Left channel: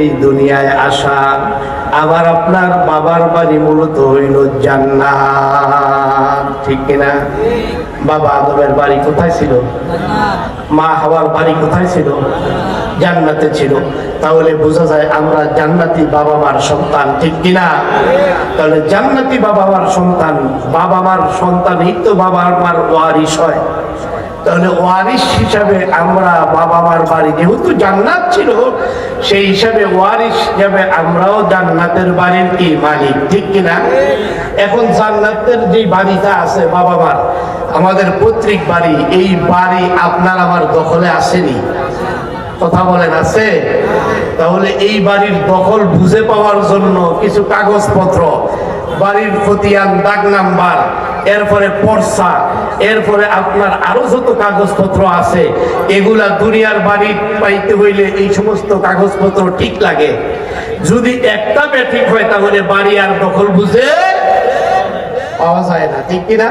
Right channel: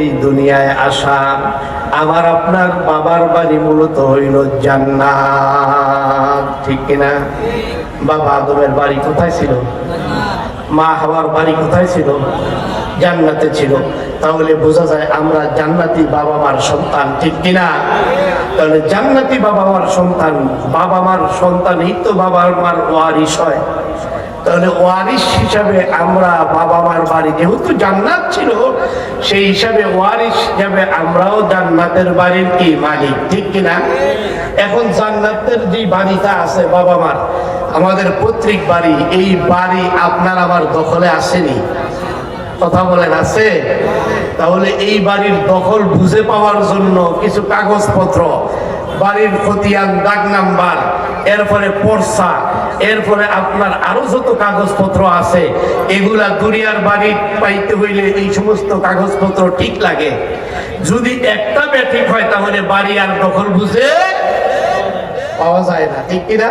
এই দুনিয়ায় আসা। আমার আপনার বাবার বাড়ি মূলত হইল জান্নাত, ঠিক কিনা? বাবা আদমের বাড়ি কোথায় ছিল? মা হাওয়ার বাড়ি কোথায় ছিল? জান্নাতে ছিল। তাহলে বোঝা যায় আমরা জান্নাতি বাবা মার সন্তান, ঠিক কিনা? তাহলে জান্নাতি বাবা মার সন্তান, বাবা মার সন্তানই তো বাবা মার ওয়ারিশ হয়। তাহলে ওয়ারিশ হিসাবে আমরা বাবা মার বাড়ি যেহেতু জান্নাত ছিল, সেই হিসাবে ওয়ারিশ হিসাবে আমরাও জান্নাতের বাড়ির কি মালিক, ঠিক কিনা? এখন জান্নাতের যে বাড়িটা আছে বাবা মার, আমাদের পৈতৃক বাড়ি, এই বাড়ি আপনার আমার দখলে আসেনি, কথা বলেন আছে? তাহলে এই বাড়ির দখল বুঝে পাওয়ার জন্য কিছু কাগজপত্র, বাড়ির খতিয়ান, দাগ নাম্বার, এরপরে পর্সা, এরপরে আপনার আরো যত কাগজপত্র আছে, এগুলা দুনিয়ার বাড়ি পাইতে হইলে এই সমস্ত কাগজপত্র ঠিক লাগে। যদি একটা ব্যাঠিক হয় তাহলে বাড়ি আর দখল বুঝে পাওয়া যায় না, ঠিক কিনা?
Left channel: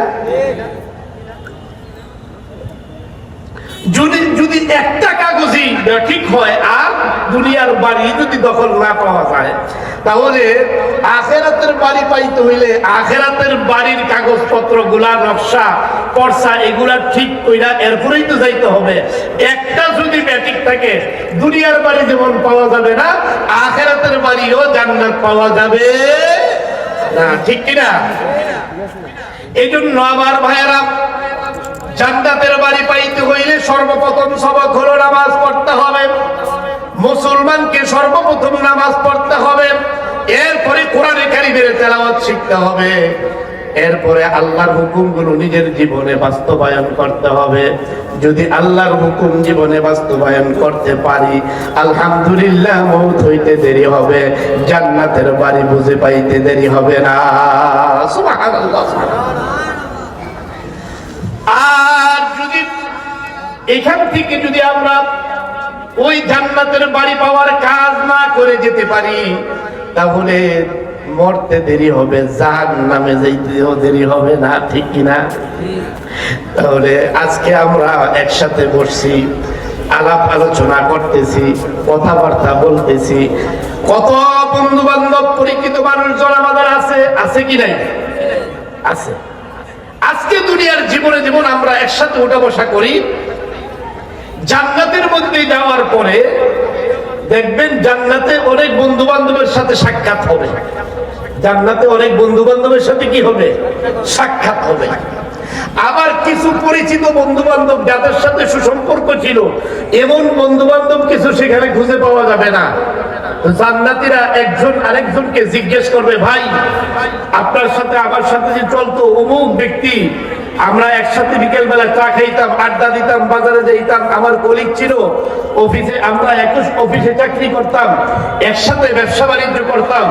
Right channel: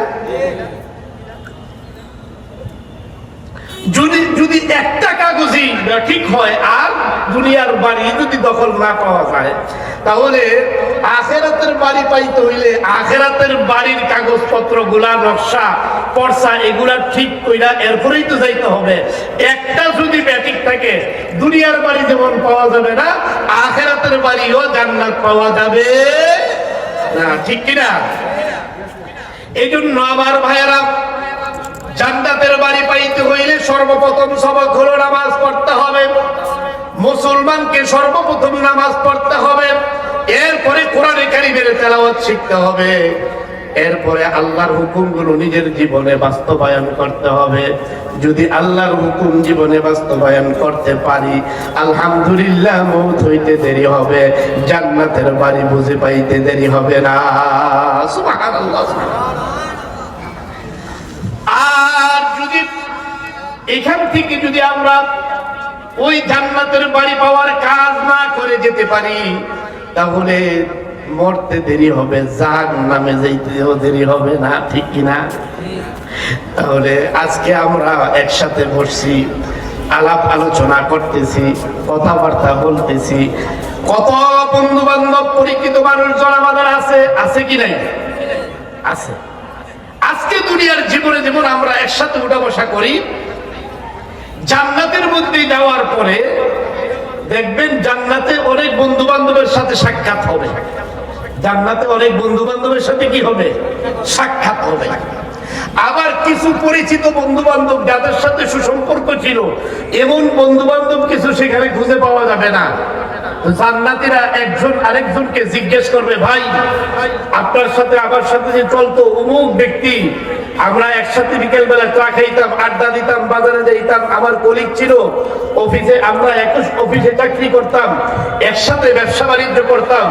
যদি একটা কাগজই ঠিক হয় আর দুনিয়ার বাড়ি যদি দখল না পাওয়া যায়, তাহলে আখেরাতের বাড়ি পাইতে হইলে আখেরাতের বাড়ির কাগজপত্র গুলা, নকশা, পর্সা, এগুলা ঠিক কইরা এরপরেই তো যাইতে হবে। একটা যদি ব্যাটিক থাকে, দুনিয়ার বাড়ি যেমন পাওয়া যাবে না, আখেরাতের বাড়িও জান্নাত পাওয়া যাবে না, ঠিক কিনা? এই জন্য আমার ভাইয়েরা, জান্নাতের বাড়ি পাইতে হইলে সর্বপ্রথম সবক হলো নামাজ পড়তে হবে। মুসলমানকে সর্বপ্রথম নামাজ পড়তে হবে, এরপরে কোরআনে কারিমের তেলাওয়াত শিখতে হবে, এরপরে আল্লাহর হুকুমগুলো নিজের জীবনে বাস্তবায়ন করতে হবে। যদি আল্লাহর হুকুম জীবনে বাস্তবায়ন করতে পারি, আলহামদুলিল্লাহ, মওত হইতে দেরি হবে, জান্নাতের বাড়ি বুঝে পাইতে দেরি হবে না। সুবহানাল্লাহ। আর যদি এখান থেকে যদি আমরা ওই জান্নাতের বাড়ি পাওয়ার কাজ না করে যেতে পারি, তাহলে মরতে দেরি হবে, জাহান্নামে যাইতেও দেরি হবে না, ঠিক কিনা? তাহলে আজকে আমরা একসাথে বসছি, আলাপ আলোচনা করতেছি, কথাবার্তা বলতেছি, কত বন্ধু বান্ধব পরিচিত মানুষজন আমাদের আছে কি নাই? আছে। আজকে দুনিয়ার জীবনে যেমন আমরা একসাথে উঠা বসা করি, জান্নাতের মধ্যে যাওয়ার পরে দেখবেন জান্নাতে অনেক বন্ধু বান্ধবের সাথে সাক্ষাৎ হবে। জান্নাতে অনেক বন্ধু বান্ধবের সাথে কি হবে? সাক্ষাৎ হবে। আবার কিছু পরিচিত বন্ধু বান্ধব যাদের সাথে সুসম্পর্ক ছিল, এমন বন্ধু বান্ধব কিছু সেখানে খুঁজে পাওয়া যাবে না। জান্নাতীরা একজন আরেকজনকে জিজ্ঞেস করবে, ভাই আপনার সাথে আমার সাথে যে চলতো অমুক ব্যক্তি, আমরা একসাথে বিকেল বেলা চা খাইতাম, আড্ডা দিতাম, বাজারে যাইতাম, আমার কলিগ ছিল অফিসে, আমরা একটু অফিসে চাকরি করতাম, একসাথে ব্যবসা বাণিজ্য করতাম,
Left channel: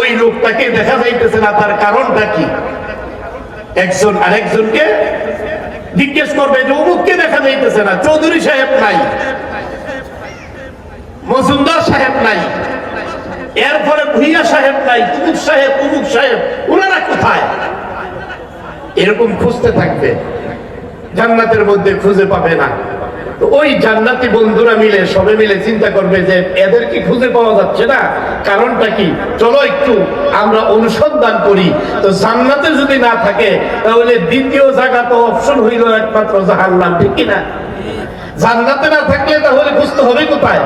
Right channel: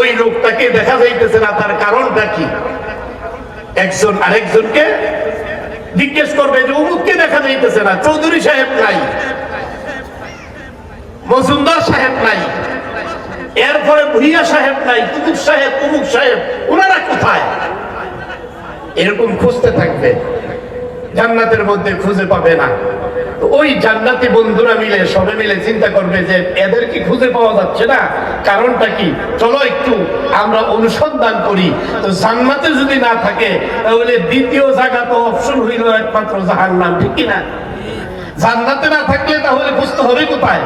ওই লোকটাকে দেখা যাইতেছে না, তার কারণটা কি? একজন আরেকজনকে জিজ্ঞেস করবে যে অমুককে দেখা যাইতেছে না, চৌধুরী সাহেব নাই, মজুমদার সাহেব নাই, এরপরে ভুইয়া সাহেব নাই, তুমুক সাহেব, তুমুক সাহেব, ওনারা কোথায়? এরকম খুঁজতে থাকবে, জান্নাতের মধ্যে খুঁজে পাবে না। তো ওই জান্নাতি বন্ধুরা মিলে, সবে মিলে চিন্তা করবে যে এদেরকে খুঁজে পাওয়া যাচ্ছে না, কারণটা কি? চলো একটু আমরা অনুসন্ধান করি। তো জান্নাতে যদি না থাকে, তাহলে দ্বিতীয় জায়গা তো অপশন হইল একমাত্র জাহান্নাম, ঠিক কিনা? জান্নাতে না থাকলে তাহলে খুঁজতে হবে কোথায়?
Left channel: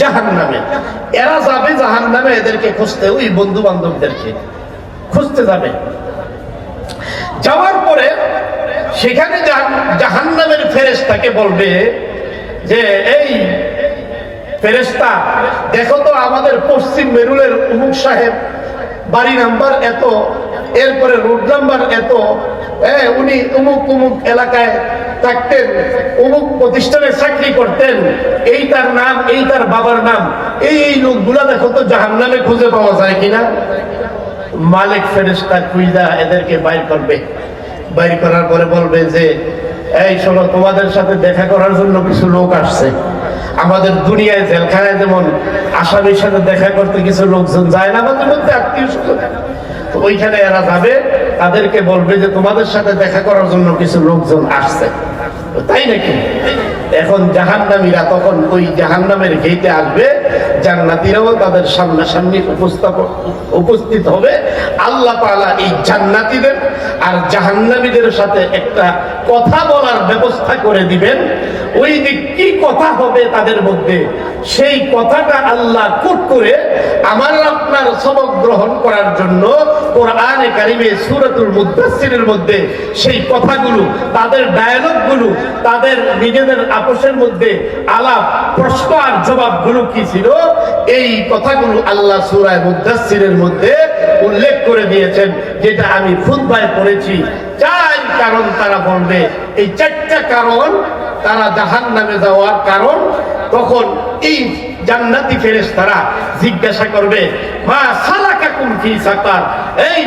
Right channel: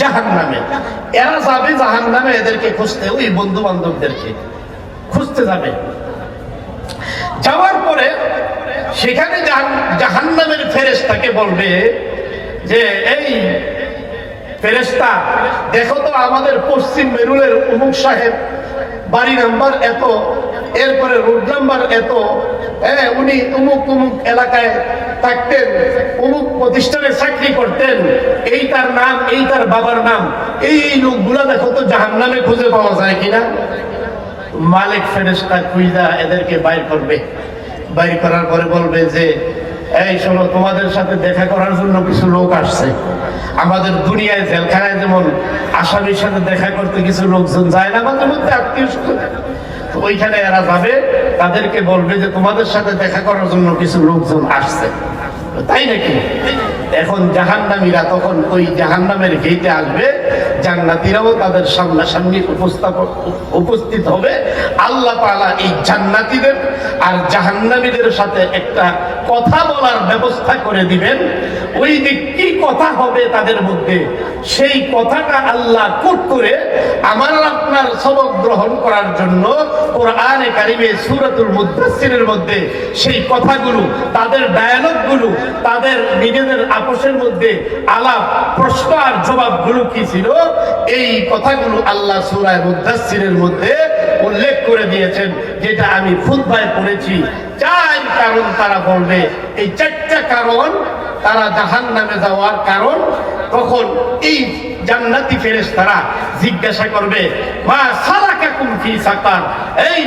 জাহান্নামে। এরা যাবে জাহান্নামে, এদেরকে খুঁজতে, ওই বন্ধু বান্ধবদেরকে খুঁজতে যাবে। যাওয়ার পরে সেখানে জাহান্নামের ফেরেশতাকে বলবে যে, এই ফেরেশতা, দেখো তো আমাদের পশ্চিম মেরুলের অমুক সাহেব, বাড়ি নাম্বার এত, এরপরে রোড নাম্বার এত, উনি অমুক অমুক এলাকায় থাকতেন, অমুক প্রতিষ্ঠানে চাকরি করতেন, এই তার নাম, এই তার বাবার নাম, এই লোকগুলা দেখো তো জাহান্নামে খুঁজে পাওয়া যায় কিনা। মালিক ফেরেশতা খুঁজা এদেরকে বাইর করবে। বাইর করার পরে বলবে যে, এই শোনো, তোমাদের সাথে দেখা করার জন্য কিছু লোক আসছে। আমাদের দুনিয়ায় জেলখানায় যেমন আসামির সাথে দেখা করতে কিছু লোকজন যায় না, আমাদের মধ্যে আত্মীয় স্বজন, তো ওইখানে এরা যাবে, তাদেরকে বলবে যে তোমাদের সাথে দেখা করার জন্য কিছু লোকজন আসছে। তাই নাকি? এখন জাহান্নামীরা তখন ওই জাহান্নামের গেটে আসবে, জান্নাতীরাও তাদের সামনাসামনি উপস্থিত হবে। আল্লাহ তাআলা এই জান্নাতীদের আর জাহান্নামীদের সাথে একটা কথা বলার ব্যবস্থা করে দিবেন। ওই দিক কি কথা হবে তাদের মধ্যে, সেই কথাটা আল্লাহ কোট করে আমার আপনার সবক গ্রহণ করার জন্য কোরআনে কারিমে সূরাতুল মুদাসসিরের মধ্যে সেই কথাগুলো, তাদের ডায়ালগগুলো, তাদের নিজেদের আপোষের মধ্যে আলাপ প্রশ্ন আর জবাবগুলো কি ছিল, এই কথাগুলো আল্লাহ সূরা মুদাসসিরের মধ্যে উল্লেখ করে দিয়েছেন, যেটা আমি খুতবায় পড়েছি। 4 কারণ তারা বলবে, এই 4টা কারণ তারা জাহান্নামে যাওয়ার কারণ। তখন এই জান্নাতি ফেরেশতারা জিজ্ঞাসা করবে, মা সালাকাকুম ফি সাকার, এই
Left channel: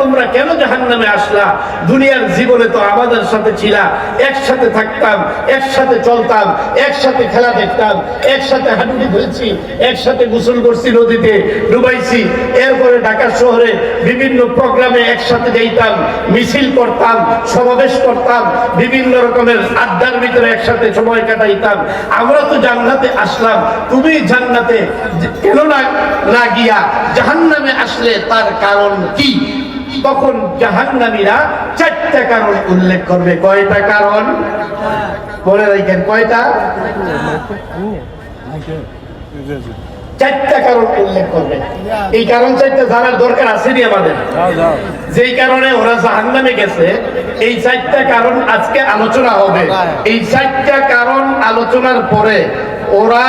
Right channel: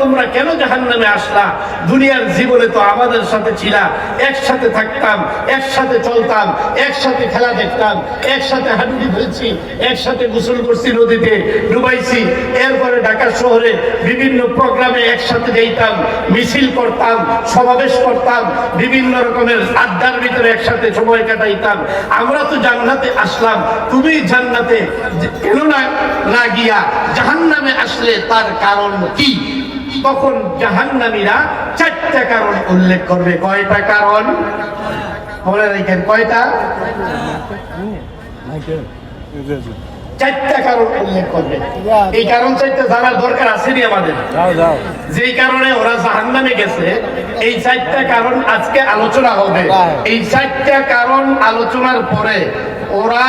তোমরা কেন জাহান্নামে আসলা? দুনিয়ার জীবনে তো আমাদের সাথে ছিলা, একসাথে থাকতাম, একসাথে চলতাম, একসাথে খেলা দেখতাম, একসাথে হাঁটুটি ফেলছি, একসাথে গোসল করছি, নদীতে ডুবাইছি, এরপরে ঢাকা শহরে বিভিন্ন প্রোগ্রামে একসাথে যাইতাম, মিছিল করতাম, সমাবেশ করতাম, বিভিন্ন রকমের আড্ডার ভিতরে একসাথে সময় কাটাইতাম। আমরা তো জান্নাতে আসলাম, তুমি জান্নাতে কেন না গিয়া জাহান্নামে আসলে তার কারণ কি? তখন জাহান্নামীরা 4টা কারণ উল্লেখ করবে। কয়টা কারণ বলে রাখেন? কয়টা? 4টা কারণ উল্লেখ করবে। এই কারণ 4টা জানার দরকার আছে নি আমাদের? যেই কারণে ওরা জাহান্নামে গেছে, এই 4টা কারণ আজকে আলোচনা হবে। এই 4টা কারণ আলোচনার পরে ওরা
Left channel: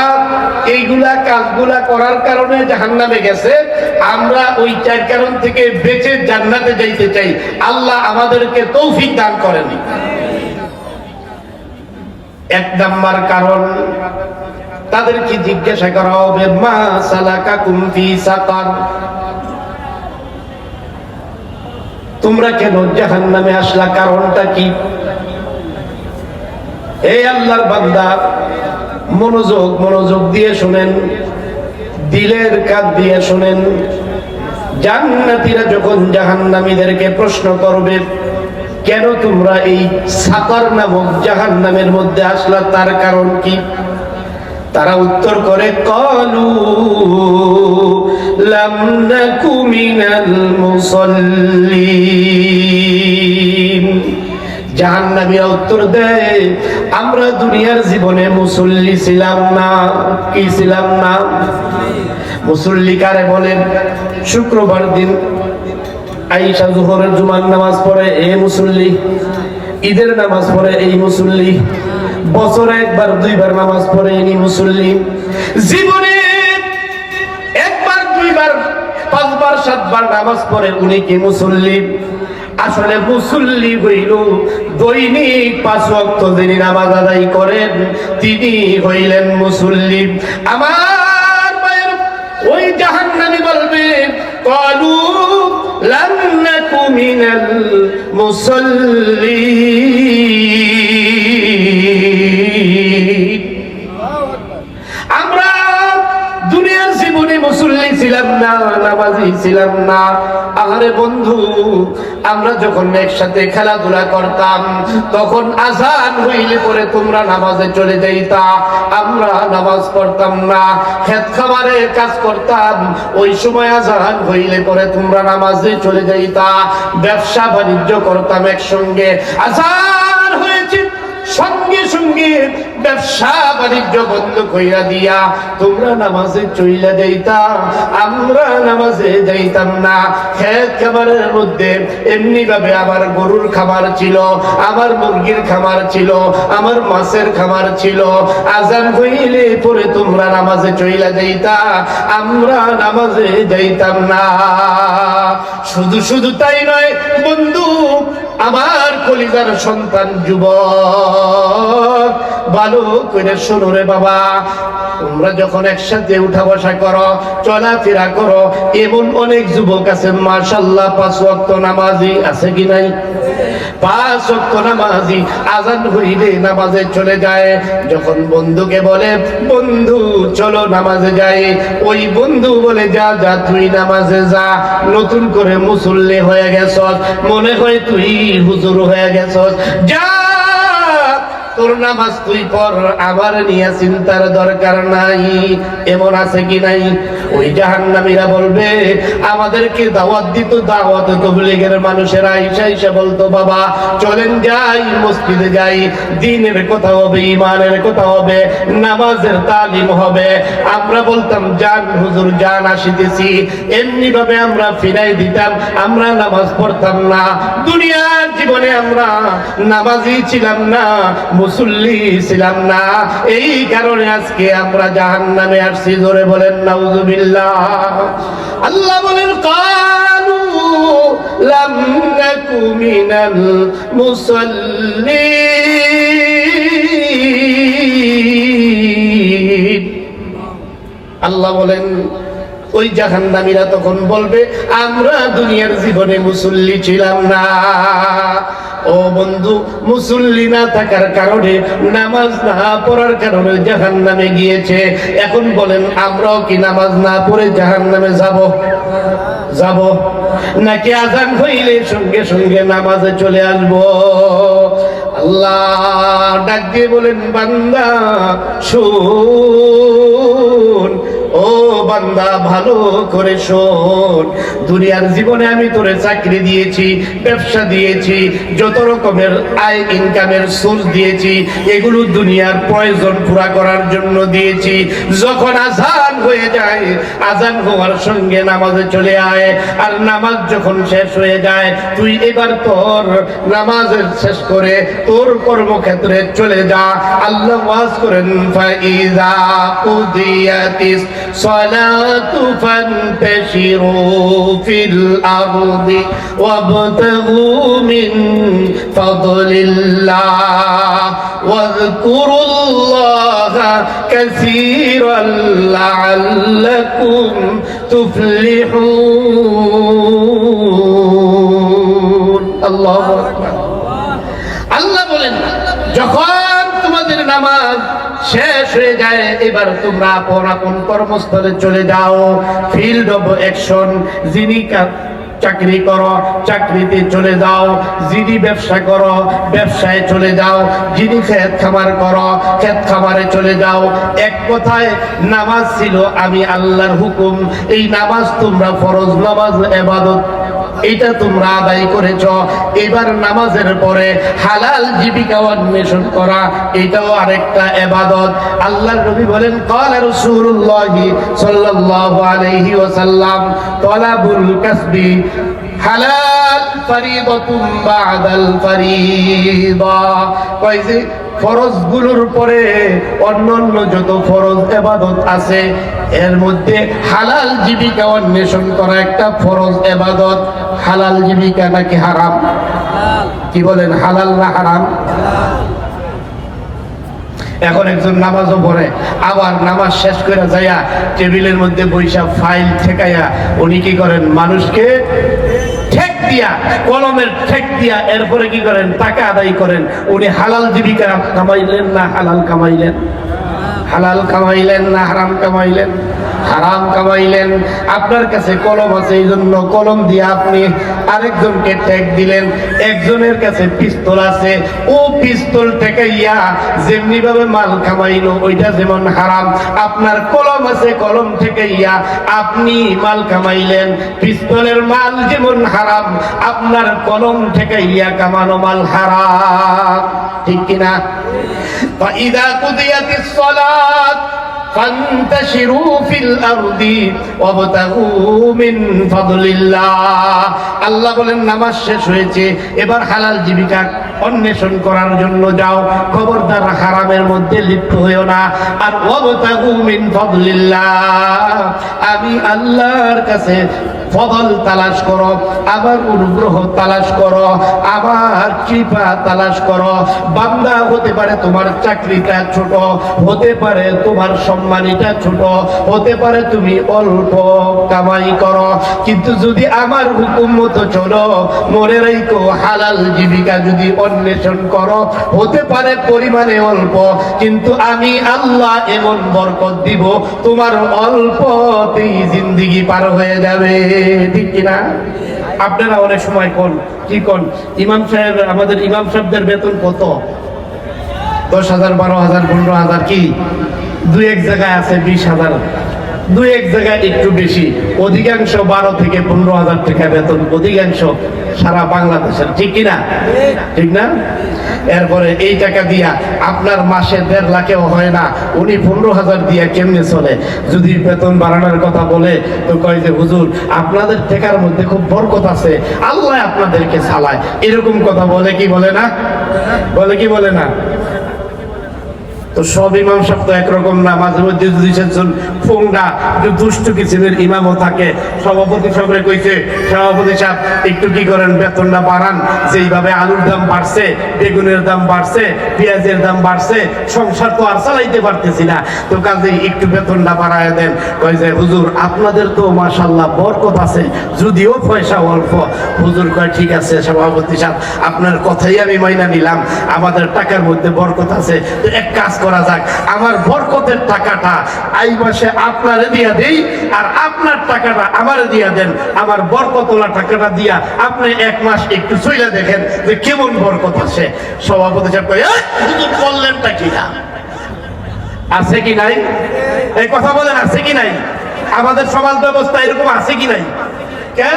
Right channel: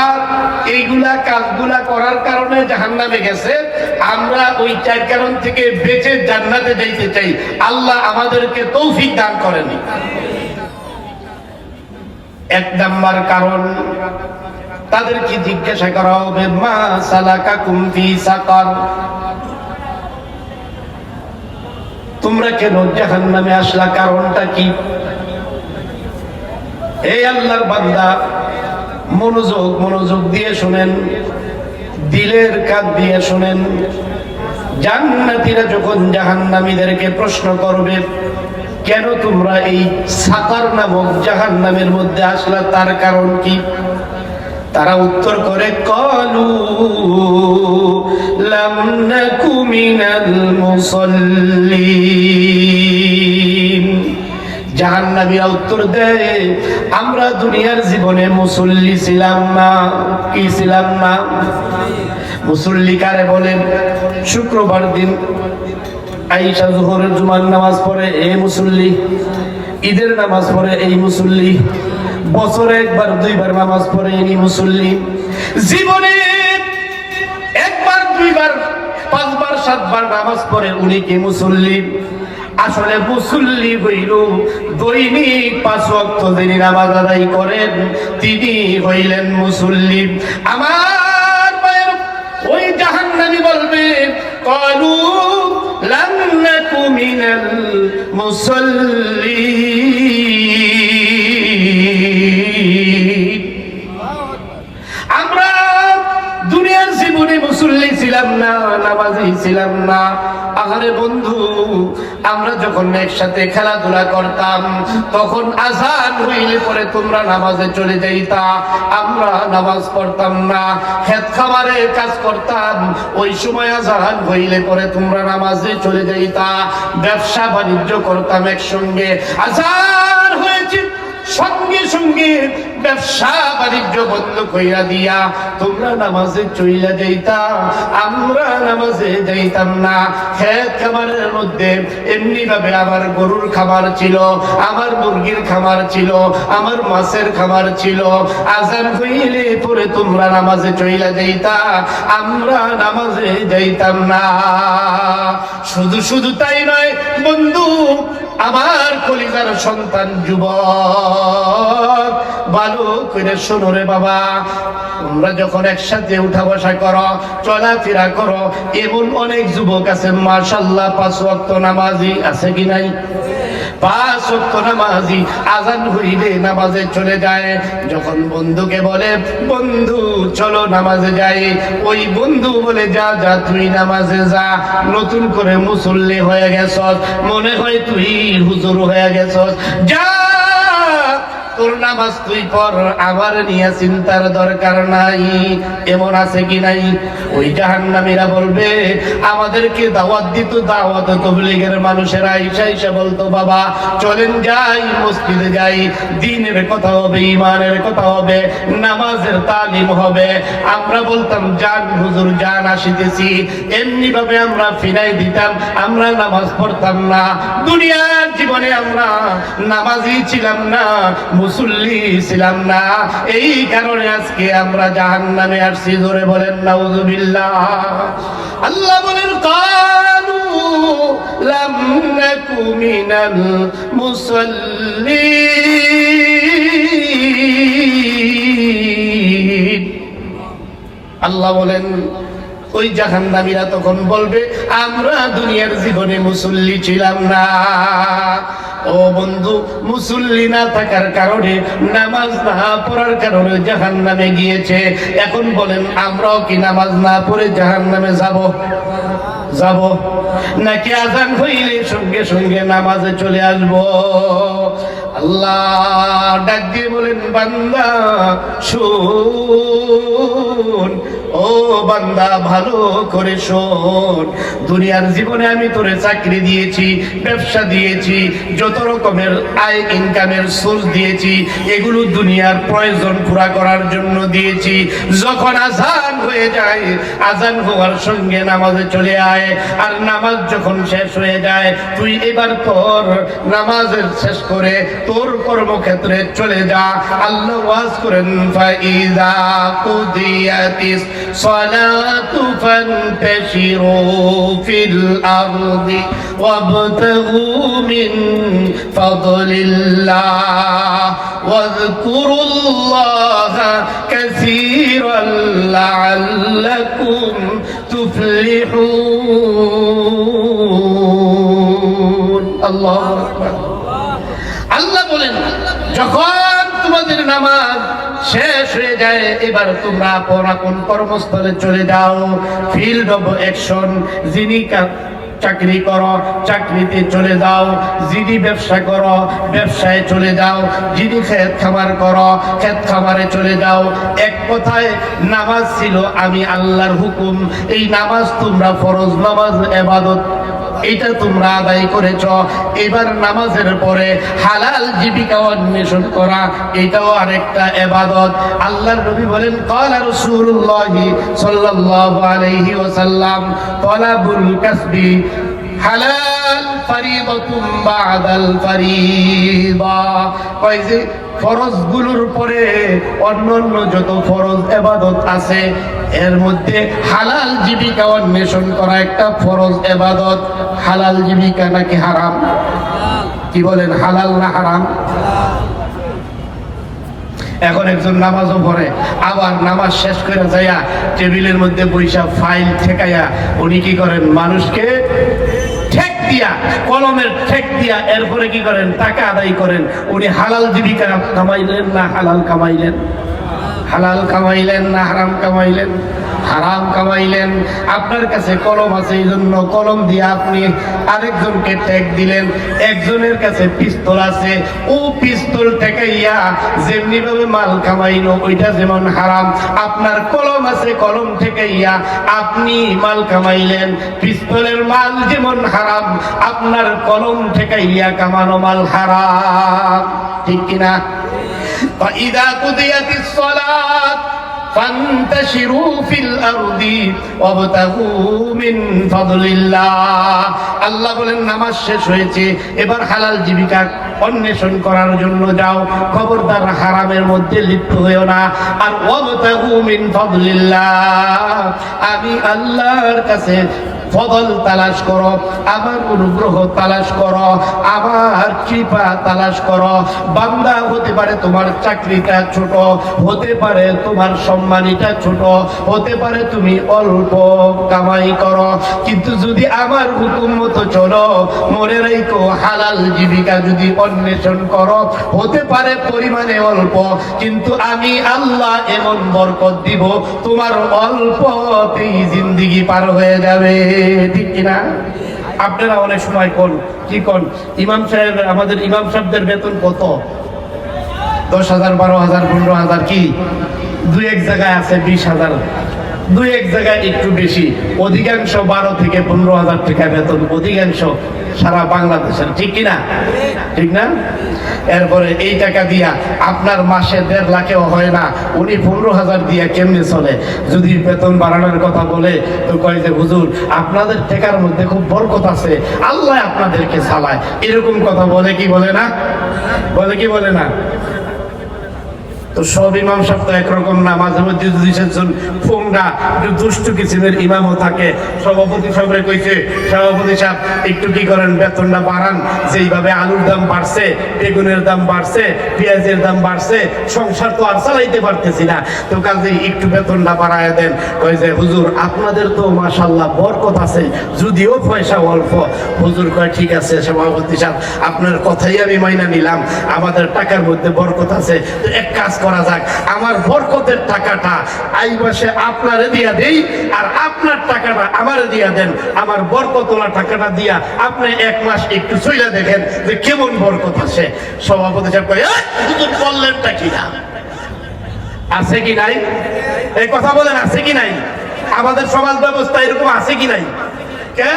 এইগুলা কাজগুলা করার কারণে জাহান্নামে গেছে, আমরা ওই 4 কারণ থেকে বেঁচে জান্নাতে যাইতে চাই। আল্লাহ আমাদেরকে তৌফিক দান করেন। 1 নাম্বার কারণ, তাদেরকে জিজ্ঞাসা করা হবে, মা সালাকাকুম ফি সাকার, তোমরা কেন জাহান্নামে আসলা, কারণটা কি? এই আল্লাহর বান্দা মনোযোগ দিয়ে শুনেন, দিলের কান দিয়ে শুনেন। জান্নাতীরা যখন জাহান্নামীদেরকে প্রশ্ন করবে, কেন তোমরা এই সাকার নামক জাহান্নামের মধ্যে আসলা, তার কারণ কি? তারা উত্তর করে, ক্বালু লাম নাকু মিনাল মুসাল্লিন। জাহান্নামীরা উত্তর দেয়, আমরা দুনিয়ার জীবনে মুসল্লি ছিলাম না। কি ছিলাম না? মুসল্লি কারে বলেন? শুক্রবার দিন আয়েশা জোহরের জুমার নামাজ পড়ে, এই মুসল্লি। ঈদের নামাজ পড়ে, এই মুসল্লি। বছরে 1বার 2বার নামাজ পড়ে, এই মুসল্লি। জীবনে 1বার 2বার 5বার 7বার নামাজ পড়ে, উনি কি মুসল্লি? আসলে মুসল্লি হইল দৈনিক 5 ওয়াক্ত যিনি নামাজ আদায় করেন, তিনি হইলেন মুসল্লি। আমার ভাইয়ের, ওই জাহান্নামী বলবে, ক্বালু লাম নাকু মিনাল মুসাল্লিন, আমরা দুনিয়ার জীবনে মুসল্লি ছিলাম না, নামাজি ছিলাম না। আহারে বন্ধু, আমরা যখন একসাথে খেলাধুলা করতাম, তখন আযান হইলে পরে তোমরা নামাজে চলে যাইতা, আমরা নামাজ পড়তাম না, খেত খামারে কাজ করতাম, ওই সময় আযান হইলে পরে তোমরা নামাজে চলে যাইতা। ব্যবসা বাণিজ্য করতাম একসঙ্গে, আযান হয়েছে সঙ্গে সঙ্গে ব্যবসা বাণিজ্য বন্ধ কইরা দিয়া তোমরা নামাজে চইলা যাইতা, আমরা নামাজে যাইতাম না। খেত খামারের মধ্যে এমনি ভাবে আমার গরুর খামার ছিল, আমার মুরগির খামার ছিল, আমার মাছের খামার ছিল। আযান হইলে পরে তোমরা নামাজে চইলা যাইতা, আমরা নামাজে যাইতাম না। শুধু তাই নয় বন্ধু, আমার কলিজার সন্তান যুবক, ভালো করে শোনো রে বাবা, তোমরা যখন একসাথে উঠা বসা করো, চলাফেরা করো, এমন অনেক যুবক আছে মাশাআল্লাহ 5 ওয়াক্ত নামাজি আছে কি নাই? 5 ওয়াক্ত নামাজি, আযান হইলে নামাজে চলে যায়। যখন বন্ধুকে বলে, বন্ধু চলো নামাজে যাই, ওই বন্ধু বলে, যা তুই নামাজে যা, নতুন করে মুসল্লি হয়ে গেছস, মনে হয় তুই হুজুর হয়ে গেছস, যা তোর নামাজ তুই পড়, আমার নিয়ে চিন্তার দরকার নাই। এমন আছে কি নাই? ওই জাহান্নামীরা বলবে, আমাদেরকে দাওয়াত দিত, দাওয়াত তাবলীগের মানুষেরা আইসা বলতো, বাবা চলেন যাই, মসজিদে যাই, দ্বীনের কথা হবে, ঈমানের কথা হবে, নামাজের তালিম হবে। আমরা বলতাম, জান হুজুর জান, আসিতেছি। এমনি ভাবে আমরা ফিরাই দিতাম, আমরা নামাজ পড়তাম না। দুনিয়ার জীবনে আমরা নামাজি ছিলাম না, মুসল্লি ছিলাম না। এই কারণে আজকে আমরা জাহান্নামে আসছি। জোরে বলেন নাউযুবিল্লাহ। আল্লাহ বলেন, কালু লাম নাকু মিনাল মুসাল্লিন। আল্লাহ বলেন, ওই জাহান্নামীরা তখন বলবে, আমরা দুনিয়ার জীবনে মুসল্লি ছিলাম না। ও বন্ধু, মুসল্লি না থাকার কারণে, নামাজ না পড়ার কারণে জাহান্নামে গিয়েছে। এখন বলেন, আমরাও কি নামাজ না পড়ে জাহান্নামে যাব নাকি আযান হইলে সঙ্গে সঙ্গে নামাজে চলে আসবো? আল্লাহ ডাক দিয়ে বলেন, বান্দা শোন, ও বান্দা ভালো করে শোন, দুনিয়ার জীবনে আমি তোরে চাকরি দিয়েছি, ব্যবসা দিয়েছি, যত রকমের আয় ইনকামের সোর্স দিয়েছি, এগুলো দুনিয়ার প্রয়োজন পুরা করার জন্য দিয়েছি। যখন আযান হয়ে যায়, আযান হওয়ার সঙ্গে নামাজে চলে আয়। আর নামাজ যখন শেষ হয়ে যায়, তুই এবার তোর নামাজের শেষ করে তোর কর্মক্ষেত্রে চলে যা। আল্লাহ ওয়াজ করেন, ফাইযা কুদিয়াতিস সালাতু ফান্তাশিরু ফিল আরদি ওয়াবতাগু মিন ফাদলিল্লাহ ওয়াযকুরুল্লাহা কাসীরান লাআল্লাকুম তুফলিহুন। আল্লাহু আকবার। আল্লাহ বলেন, যখন তোমাদের নামাজ শেষ হয়ে যায়, এবার তোমরা আপন আপন কর্মস্থলে চলে যাও। Field of action. যিনি চাকরি করো, চাকরিতে চলে যাও। যিনি ব্যবসা করো, ব্যবসায় চলে যাও। যিনি খেত খামার করো, খেত খামারে চলে যাও। এক কথায়, নামাজ ছিল আমি আল্লাহর হুকুম। এই নামাজ তোমরা ফরজ নামাজ, ইবাদত, এটা তোমরা আদায় করেছ। এবার নামাজের পরে হালাল জীবিকা অন্বেষণ করা, এটাও আরেকটা ইবাদত। আল্লাহর নবী বলেন, ক্বালা রাসূলুল্লাহ সাল্লাল্লাহু আলাইহি ওয়াসাল্লাম, তালাবুল কাসবি হালাল ফরিদাতুম বাদাল ফরিদা। কয় যে ফরজগুলোর পরে অন্যান্য যত ফরজ ইবাদত আছে, এর মধ্যে হালাল জীবিকা অন্বেষণ করা একটা ফরজ ইবাদত। হালাল জীবিকা নাকি হারাম? কি বলেন, হালাল না হারাম? এখন একজন নামাজও পড়ে, আবার নামাজ শেষ করে যাইয়া টেবিলের মধ্যে বৈশা ফাইল ঠেকাইয়া উনি কি করেন, মানুষকে ঠেক দিয়া, কলমের ঠেক দিয়া এরপরে কি করেন, টাকা আদায় করেন। উনি হালাল জীবিকা কামাইলেন না হালাল কামাইলেন? হালাল কামাইলেন না হারাম কামাইলেন? হারাম কামাইলেন। আপনার কাছে কলম আছে, এই জন্য কলম দিয়ে আপনি আরেকজনকে ঠেক দিলেন। একজনের কাছে পিস্তল আছে, ও পিস্তল ঠেকাইয়া যেমনি ভাবে মাল কামাইলো, ওইটা যেমন হারাম। আপনার কলম আছে, কলম ঠেকাইয়া আপনি মাল কামাইলেন। পিস্তলের মাল যেমন হারাম, আপনার কলম ঠেকাইয়া কামানো মাল হারাম। ঠিক কিনা? فإذا قضيت الصلاة فانتشروا في الأرض وابتغوا من فضل الله। আল্লাহ বলেন, নামাজ শেষ হয়েছে, এবার হালাল জীবিকা অন্বেষণ করার জন্য যাও। খবরদার হারামের মধ্যে লিপ্ত হইও না। আর ওয়াবতাগু মিন ফাদলিল্লাহ, আমি আল্লাহর কাছে ফদল তালাশ করো, আমার অনুগ্রহ তালাশ করো, আমার কৃপা তালাশ করো। বান্দা, হতে পারে তোমার চাকরিটা ছোট, হতে পারে তোমার সম্মানিটা ছোট, হতে পারে তুমি অল্প কামাই করো, কিন্তু যদি আমার হুকুম মতো চলো, মনে রাখো হালাল জীবিকা যদি অন্বেষণ করো, হতে পারে পরিমাণে অল্প, কিন্তু আমি আল্লাহ এমন বরকত দিব, তোমার অল্পতেই জিন্দেগি পার হয়ে যাবে। ঠিক কিনা? আপনারা অনেক সময় কোন কি কোন, ইমাম সাহেব, আমাদের ইমাম সাহেবদের বেতন কত? 10,000, 12,000, 15,000 কি দুই এক জায়গায় আছে 20,000, দুই এক জায়গায় একটু বেশি, অধিকাংশ 12 থেকে 15,000 টাকা বেতন, অধিকাংশ সারা বাংলাদেশের, ঠিক কিনা? ঠিক না? এরপরে এই টাকা দিয়া আপনার মাসে 1.5 লাখেও হয় না, উনি 15,000 দিয়া কেমনে চলে? যদি বেতন বাড়ানোর কথা বলে তো কয় যে হুজুর আপনাদের টাকার মধ্যে খুব বরকত আছে, আল্লাহ আপনাদেরকে চালায়, এরকম কথা বলে কি বলে না? বলে কি বলে না? তো সব ইমাম সাহেব তো একরকম না, মাঝে মধ্যে যদি সেজন ফোনটা একটু দুষ্টু কিসিমের ইমামও থাকে। সভাপতি সাহেবরে কইছে, সভাপতি সাহেব একটু কি করেন, বেতনটা বাড়ান, যেইভাবে আলুর দাম বাড়ছে, বেগুনের দাম বাড়ছে, পেঁয়াজের দাম বাড়ছে, সংসার তো আর চালাইতে পারতেছি না, তো কাজেই একটু বেতনটা বাড়ায় দেন। কই যে হুজুর আপনাদের তো মাশাআল্লাহ বরকত আছে, যদিও পয়সা অল্প। হুজুর কয় ঠিক আছে সভাপতি সাহেব, আপনার কথাই আমি মাইনা নিলাম, আমাদের টাকার মধ্যে বরকত আছে, তো এক কাজ করা যাক, আমার বরকতের টাকাটা এই মাসে আপনারে দিয়া দেই, আর আপনার টাকাটা আমারে দিয়া দেন, আমার বরকতওয়ালা টাকাটা দিয়া আপনি 1 মাস একটু চইলা দেখেন যে কেমন বরকত আছে। সভাপতি সাহেব কয় হুজুর বললেনটা কি না, আছে কি নাই? এই কথা বলেন, আছে কি নাই? আমাদের সমাজ ব্যবস্থা এরকম আছে কি নাই? কে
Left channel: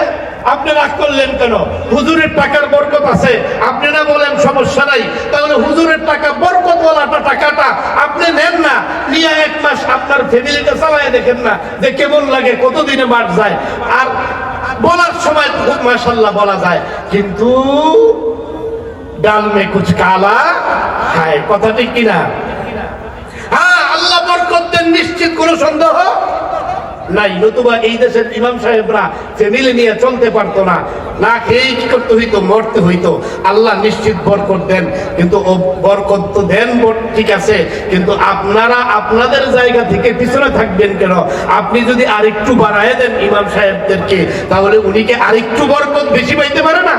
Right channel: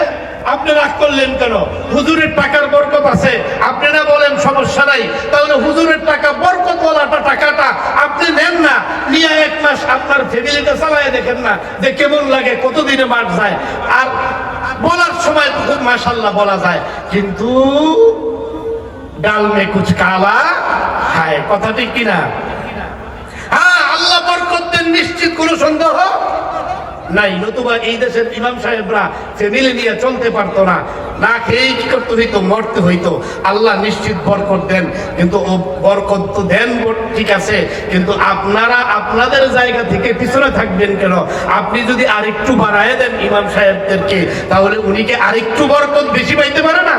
আপনি রাগ করলেন কেন? হুজুরের টাকার বরকত আছে, আপনারা বলেন সমস্যা নাই, তাহলে হুজুরের টাকা বরকতওয়ালা টাকাটা আপনি নেন না, নিয়ে 1 মাস আপনার ফ্যামিলিটা চালায় দেখেন না যে কেমন লাগে, কতদিনে মার যায়। আর বলার সময় খুব মাশাআল্লাহ বলা যায়, কিন্তু ডাল মে কুছ কালা খায়, কথা ঠিক কিনা? হ্যাঁ, আল্লাহ বরকত দেন, নিশ্চিত কোনো সন্দেহ নাই, নতুবা এই দেশের ইমাম সাহেবরা ফ্যামিলি নিয়ে চলতে পারতো না, না খেয়ে কি করতে হইতো, মরতে হইতো। আল্লাহ নিশ্চিত বরকত দেন, কিন্তু ও বরকত তো দেন ঠিক আছে, কিন্তু আপনারা আপনাদের জায়গা থেকে পিছনে থাকবেন কেন? আপনি যদি আরেকটু বাড়ায় দেন ইমাম সাহেবদেরকে, তাহলে উনিকে আরেকটু বরকত বেশি পাইতে পারে না?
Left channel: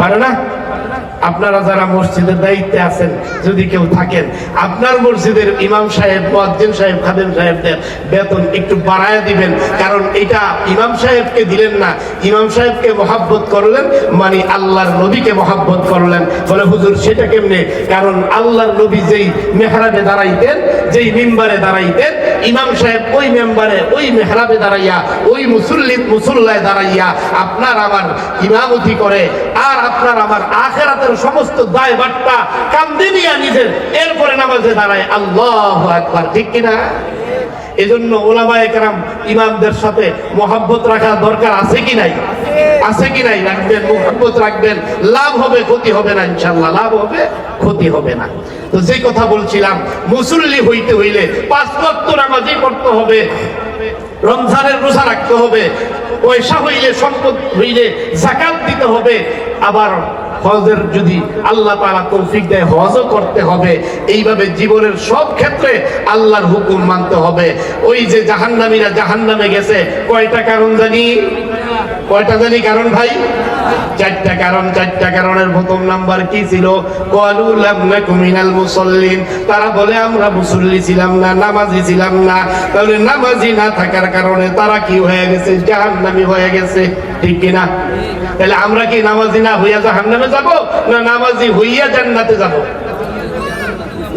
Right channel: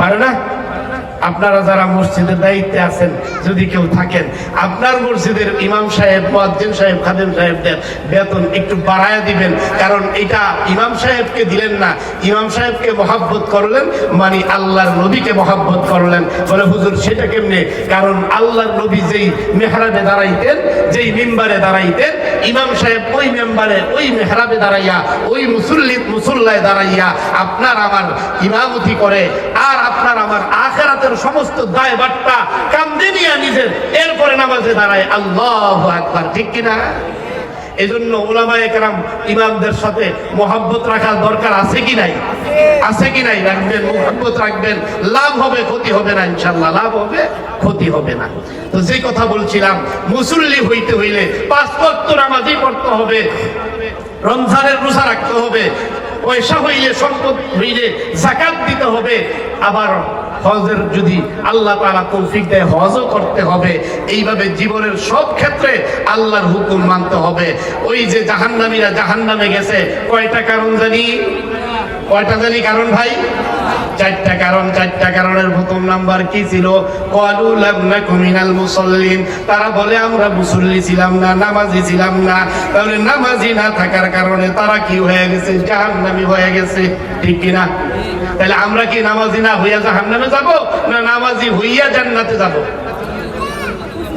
পারে না? আপনারা যারা মসজিদের দায়িত্বে আছেন, যদি কেউ থাকেন, আপনার মসজিদের ইমাম সাহেব, মুয়াজ্জিন সাহেব, খাদেম সাহেবদের বেতন একটু বাড়ায় দিবেন, কারণ এটা ইমাম সাহেবকে দিলেন না, ইমাম সাহেবকে মহাব্বত করলেন, মানে আল্লাহর নবীকে মহাব্বত করলেন। বলে হুজুর সেটা কেমনে? কারণ আল্লাহর নবী যেই মেহরাবে দাঁড়াইতেন, যেই মিম্বারে দাঁড়াইতেন, ইমাম সাহেব ওই মেম্বারে, ওই মেহরাবে দাঁড়াইয়া, ওই মুসল্লায় দাঁড়াইয়া আপনার আমার ইমামতি করে, আর আপনার আমার আখিরাতের সমস্ত দায়ভারটা কাঁধে নিয়ে নিজের, এরপরে নামাজে দাঁড়ায়। আল্লাহু আকবার, ঠিক কিনা? এজন্য ওলামায়ে কেরাম ইমামদের সাথে মহব্বত রাখার দরকার আছে কি নাই? আছে কি নাই? রাখবেন, মহব্বত রাখবেন, লাভ হবে, ক্ষতি হবে না, ইনশাআল্লাহ লাভ হবে, ক্ষতি হবে না। তো যে কথা বলছিলাম, মুসল্লি হইতে হইলে 5 ওয়াক্ত নামাজই পড়তে হবে, রমজানের রোজা রাখতে হবে, পয়সা হইলে, সম্পদ হইলে যাকাত দিতে হবে, আবার হজের যদি আল্লাহ তাআলা তৌফিক দেয় হজও করতে হবে। এইভাবে জীবনের সব ক্ষেত্রে আল্লাহর হুকুম মানতে হবে। ওই যে জাহান্নামীরা জাহান্নামে গেছে, কয়টা কারণ জানি? কয়টা জানি কারণ ভাই? 4টা কারণ। 4টা কারণের প্রথম নাম্বার কি ছিল? ক্বালু লাম নাকু মিনাল মুসাল্লিন, তারা বলে আমরা মুসল্লি ছিলাম না, নামাজি ছিলাম না। তাহলে নামাজি না থাকার কারণে তারা কি হয়ে গেছে? জাহান্নামী হয়ে গেছে, ঠিক কিনা? তাহলে আমরা কি নামাজি না হইয়া জাহান্নামে যাব, না নামাজি হইয়া জান্নাতে যাব?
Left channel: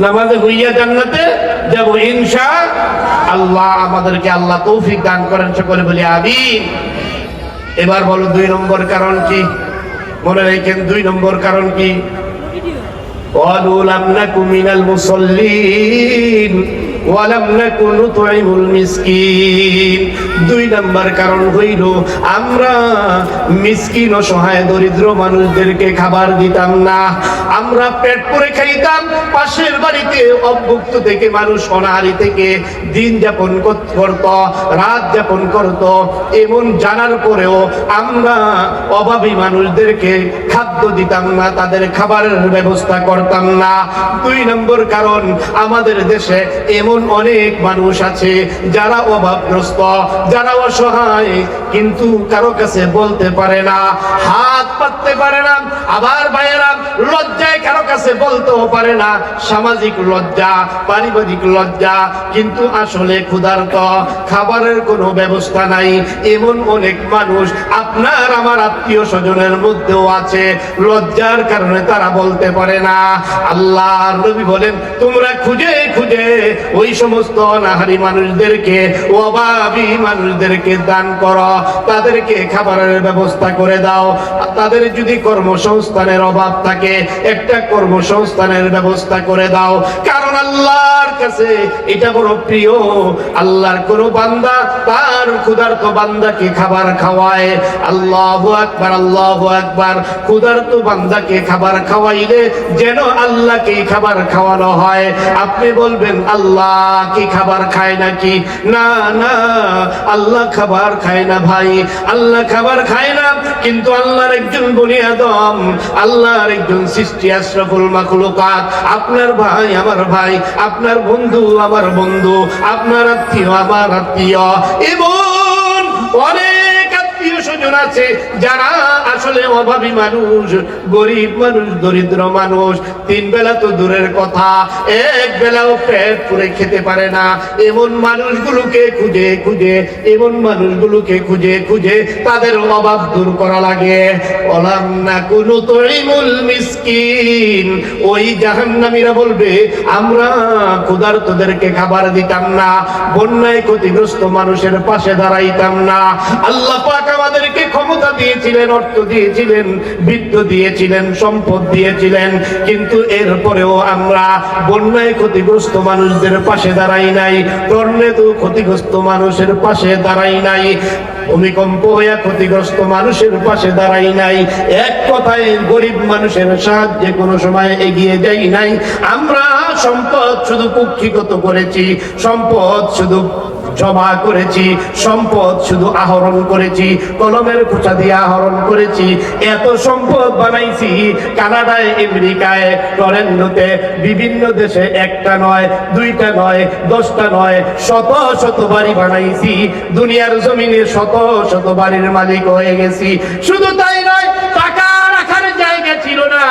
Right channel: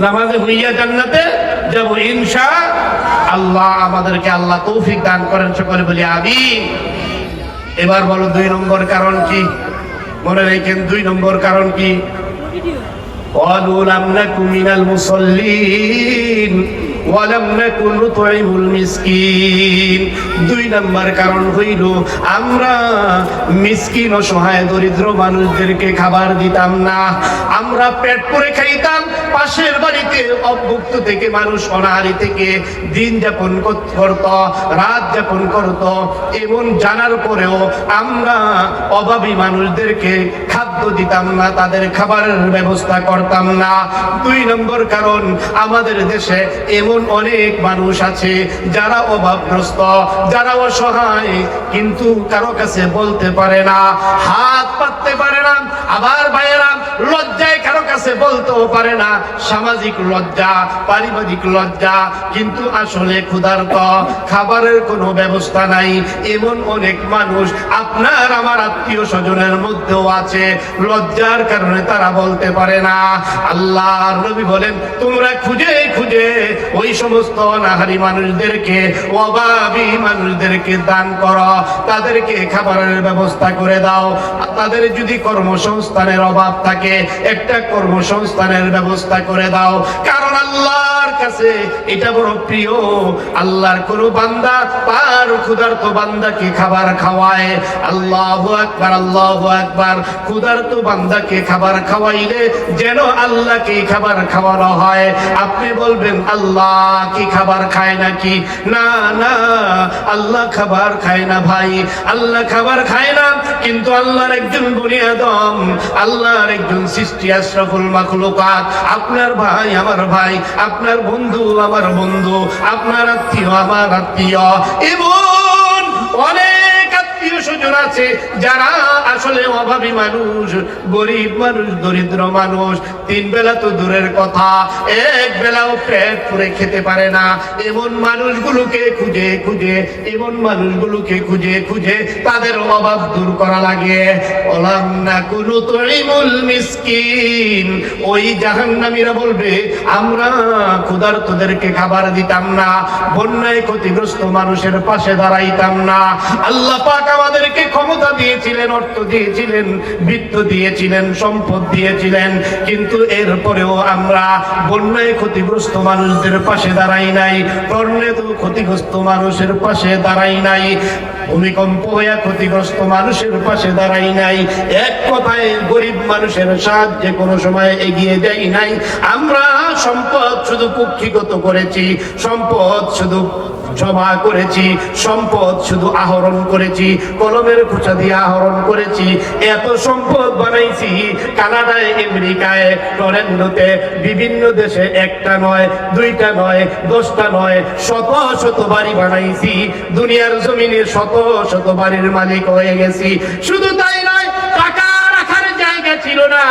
নামাজি হইয়া জান্নাতে যাব ইনশাআল্লাহ। আমাদেরকে আল্লাহ তৌফিক দান করেন, সকলে বলি আমিন। এবার বলো 2 নম্বর কারণ কি? মনে রাখেন 2 নম্বর কারণ কি? ক্বালু লাম নাকু মিনাল মুসাল্লিন ওয়া লাম নাকু নুতঈমুল মিসকিন। 2 নম্বর কারণ হইল আমরা মিসকিন, অসহায়, দরিদ্র মানুষদেরকে খাবার দিতাম না, আমরা পেট করে খাইতাম। পাশের বাড়িতে অভুক্ত থেকে মানুষ অনাহারি থেকে দিন যাপন করত, রাত যাপন করত, এমন জানার পরেও আমরা অভাবী মানুষদেরকে খাদ্য দিতাম না, তাদের খাবারের ব্যবস্থা করতাম না। 2 নম্বর কারণ, আমাদের দেশে এমন অনেক মানুষ আছে যারা অভাবগ্রস্ত, যারা অসহায়, কিন্তু কারো কাছে বলতে পারে না, হাত পাততে পারে না, আবার ভাইয়েরা, লজ্জায় কারো কাছে বলতেও পারে না, সামাজিক লজ্জা, পারিবারিক লজ্জা, কিন্তু আসলে ক্ষুধার্ত, খাবারের কোনো ব্যবস্থা নাই, এমন অনেক মানুষ আপনার আমার আত্মীয় স্বজনের মধ্যেও আছে, লজ্জার কারণে তারা বলতে পারে না। আল্লাহর নবী বলেন, তোমরা খুঁজে খুঁজে ওই সমস্ত অনাহারী মানুষদেরকে, অভাবী মানুষদেরকে দান করো, তাদেরকে খাবারের ব্যবস্থা করে দাও। তাদের যদি কর্মসংস্থানের অভাব থাকে, একটা কর্মসংস্থানের ব্যবস্থা করে দাও, কারণ আল্লাহর কাছে এটা বড় প্রিয়। আল্লাহর কোন বান্দা তার ক্ষুধার্ত বান্দাকে খাবার খাওয়ায়, আল্লাহু আকবার, আল্লাহু আকবার, ক্ষুধার্ত বান্দাকে খাবার খাওয়াইলে যেন আল্লাহকে খাবার খাওয়ানো হয়। আপনি বলবেন, আল্লাহ কি খাবার খায় নাকি? না না, আল্লাহ খাবার খায় না ভাই, আল্লাহ খাবার খায় না, কিন্তু আল্লাহর একজন বনি আদম, আল্লাহর একজন সৃষ্টি, আশরাফুল মাখলুকাত, আপনার ভাই আমার ভাই, আপনার বন্ধু আমার বন্ধু, আপনার আত্মীয় আমার আত্মীয়, এমন অনেক আত্মীয় স্বজন আছে যারা আসলে অভাবী মানুষ, গরিব মানুষ, দরিদ্র মানুষ, তিন বেলা তো দূরের কথা, এক বেলাও পেট পুরে খেতে পারে না। এমন মানুষগুলোকে খুঁজে খুঁজে, এমন মানুষগুলোকে খুঁজে খুঁজে তাদের অভাব দূর করা লাগে। ওলাম নাকুনু তুইমুল মিসকিন, ওই জাহান্নামীরা বলবে, আমরা ক্ষুধার্তদেরকে খাবার দিতাম না, বন্যায় ক্ষতিগ্রস্ত মানুষের পাশে দাঁড়াইতাম না। আল্লাহ পাক আমাদেরকে ক্ষমতা দিয়েছিলেন, অর্থ দিয়েছিলেন, বিত্ত দিয়েছিলেন, সম্পদ দিয়েছিলেন, কিন্তু এরপরেও আমরা বন্যায় ক্ষতিগ্রস্ত মানুষদের পাশে দাঁড়াই নাই, টর্নেডো ক্ষতিগ্রস্ত মানুষের পাশে দাঁড়াই নাই, ভূমিকম্প হয়ে ক্ষতিগ্রস্ত মানুষের পাশে দাঁড়াই নাই, এক কথায় গরিব মানুষের সাহায্যে কোনো সময় এগিয়ে যাই নাই। আমরা সম্পদ শুধু কুক্ষিগত করেছি, সম্পদ শুধু জমা করেছি, সম্পদ শুধু আহরণ করেছি, কলমের খোঁচা দিয়ে আহরণ করেছি, এত সম্পদ বানাইছি, কানাডায়, আমেরিকায়, টরেন্টোতে, বিভিন্ন দেশে, একটা নয়, দুইটা নয়, 10টা নয়, শত শত বাড়ি বানাইছি, দুনিয়ার জমিনে শত শত বাড়ির মালিক হয়ে গেছি। শুধু তাই নয়, টাকা রাখার জায়গা ছিল না,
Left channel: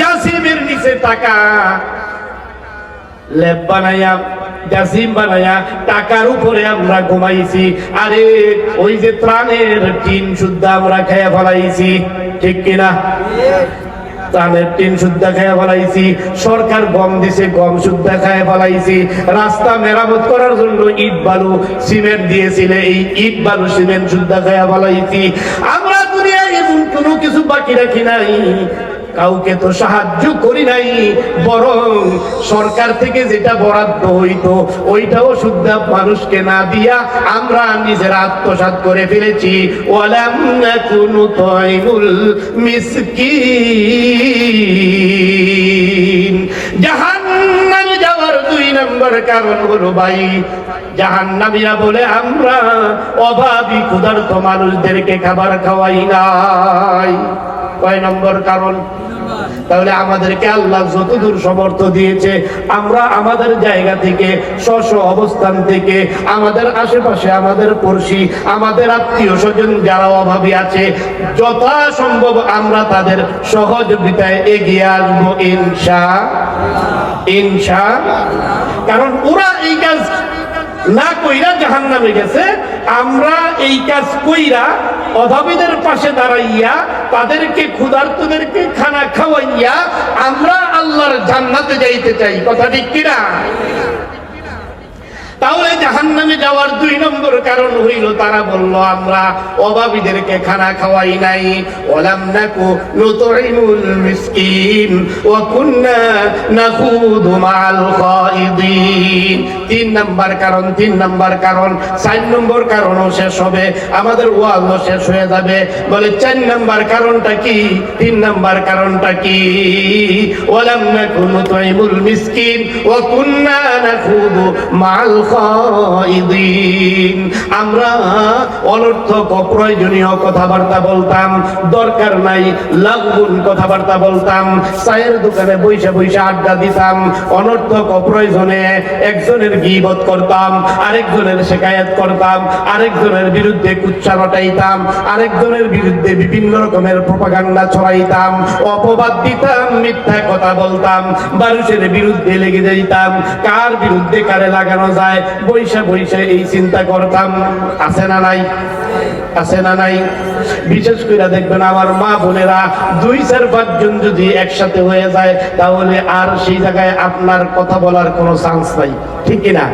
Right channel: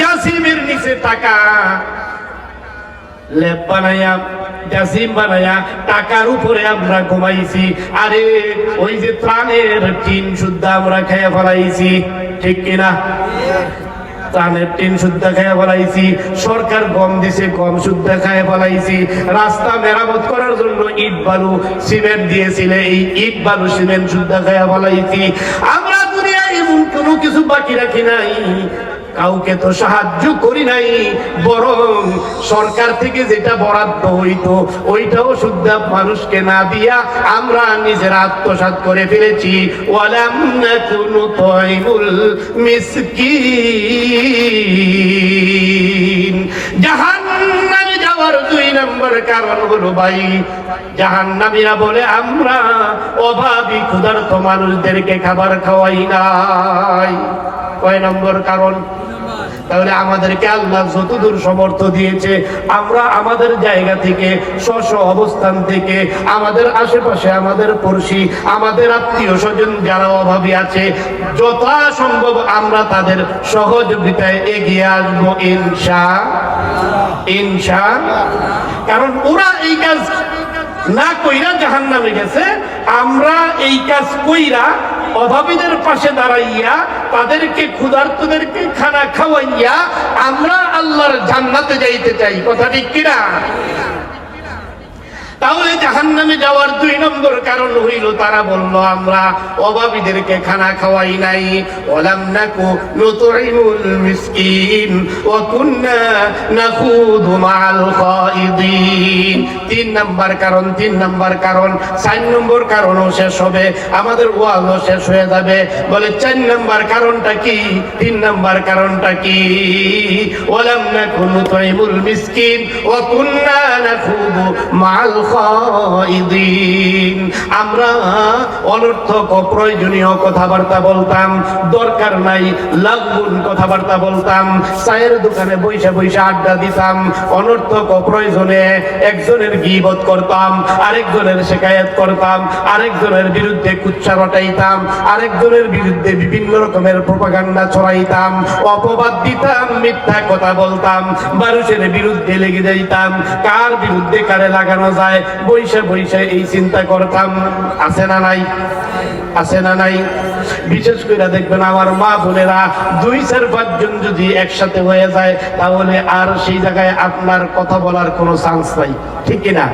জাসিমের নিচে টাকা, লেপ বানাইয়া, জাসিম বানায়া, টাকার উপরে আমরা ঘুমাইছি। আরে ওই যে ত্রাণের টিন শুদ্ধ আমরা খেয়ে ফেলাইছি, ঠিক কিনা? ত্রাণের টিন শুদ্ধ খেয়ে ফেলাইছি, সরকার গম দিছে, গম শুদ্ধ খেয়ে ফেলাইছি, রাস্তা মেরামত করার জন্য ইট বালু সিমেন্ট দিয়েছিলে, এই ইট বালু সিমেন্ট শুদ্ধ খেয়ে ফেলাইছি। আমরা দুনিয়ায় এমন কোনো কিছু বাকি রাখি নাই, কাউকে তো সাহায্য করি নাই, বরং সরকার থেকে যেটা বরাদ্দ হইতো ওইটাও শুদ্ধ মানুষকে না দিয়া আমরা নিজেরা আত্মসাৎ করে ফেলেছি। ওয়ালাম নাকুনু তুইমুল মিসকিন। জাহান্নামে যাওয়ার 2 নম্বর কারণ হলো ভাই, জাহান্নামীরা বলে আমরা অভাবী ক্ষুধার্ত মানুষদেরকে খাবার খাওয়াই নাই। কয় নম্বর কারণ? তাহলে আমাদেরকে আল্লাহ যতদূর সমর্থ দিয়েছে, আমরা আমাদের জায়গা থেকে, স্ব অবস্থান থেকে, আমাদের আশেপাশে, আমাদের পড়শি, আমাদের আত্মীয় স্বজন যারা অভাবী আছে, যথাসম্ভব আমরা তাদের সহযোগিতায় এগিয়ে আসবো ইনশাআল্লাহ। কারণ ওরা এই কাজ না কইরা জাহান্নামে গেছে, আমরা এই কাজ কইরা অভাবীদের পাশে দাঁড়াইয়া, তাদেরকে, ক্ষুধার্তদেরকে খানা খাওয়াইয়া আমরা আল্লাহর জান্নাতে যাইতে চাই। কথা ঠিক কিনা? তাহলে জাহান্নামে যাওয়ার 2 নম্বর কারণ হইল, তারা বলল আমরা অভাবীদেরকে খানা খাওয়াই নাই। ওয়ালাম নাকু নুতুইমুল মিসকিন ওয়া কুননা নাখুদু মাআল খাইদিন। 3 নম্বর কারণ, 3 নম্বর কারণ। 4 নম্বর কারণও শেষ হবে, আমাদের ওয়াজও শেষ হয়ে যাবে। বলে 4 নম্বর কারণটা কি? 3 নম্বর কারণটা কি? ওয়ালাম নাকু নুতুইমুল মিসকিন ওয়া কুননা নাখুদু মাআল খাইদিন। আমরা অনর্থক অপ্রয়োজনীয় কথাবার্তা বলতাম, দরকার নাই লাগবুন কথাবার্তা বলতাম, চায়ের দোকানে বইসা বইসা আড্ডা দিতাম, অনর্থক অপ্রয়োজনে একজনের গীবত করতাম, আরেকজনের শিকায়াত করতাম, আরেকজনের বিরুদ্ধে কুচ্চা রটাইতাম, আরেকজনের বিরুদ্ধে বিভিন্ন রকমের প্রোপাগান্ডা ছড়াইতাম, অপবাদ দিতাম, মিথ্যা কথা বলতাম, মানুষের বিরুদ্ধে লেগে যাইতাম, কার বিরুদ্ধে কারে লাগানো যায় বইসা বইসা এই চিন্তা করতাম। আছে না নাই? আছে না নাই? বিশেষ করে দেখবেন আমার মা বোনেরা 2-4-5 জন যদি একসাথে হয়ে যায় তাহলে আর সেই জায়গায় আপনার কথা বলার কোনো চান্স নাই, ঠিক কিনা?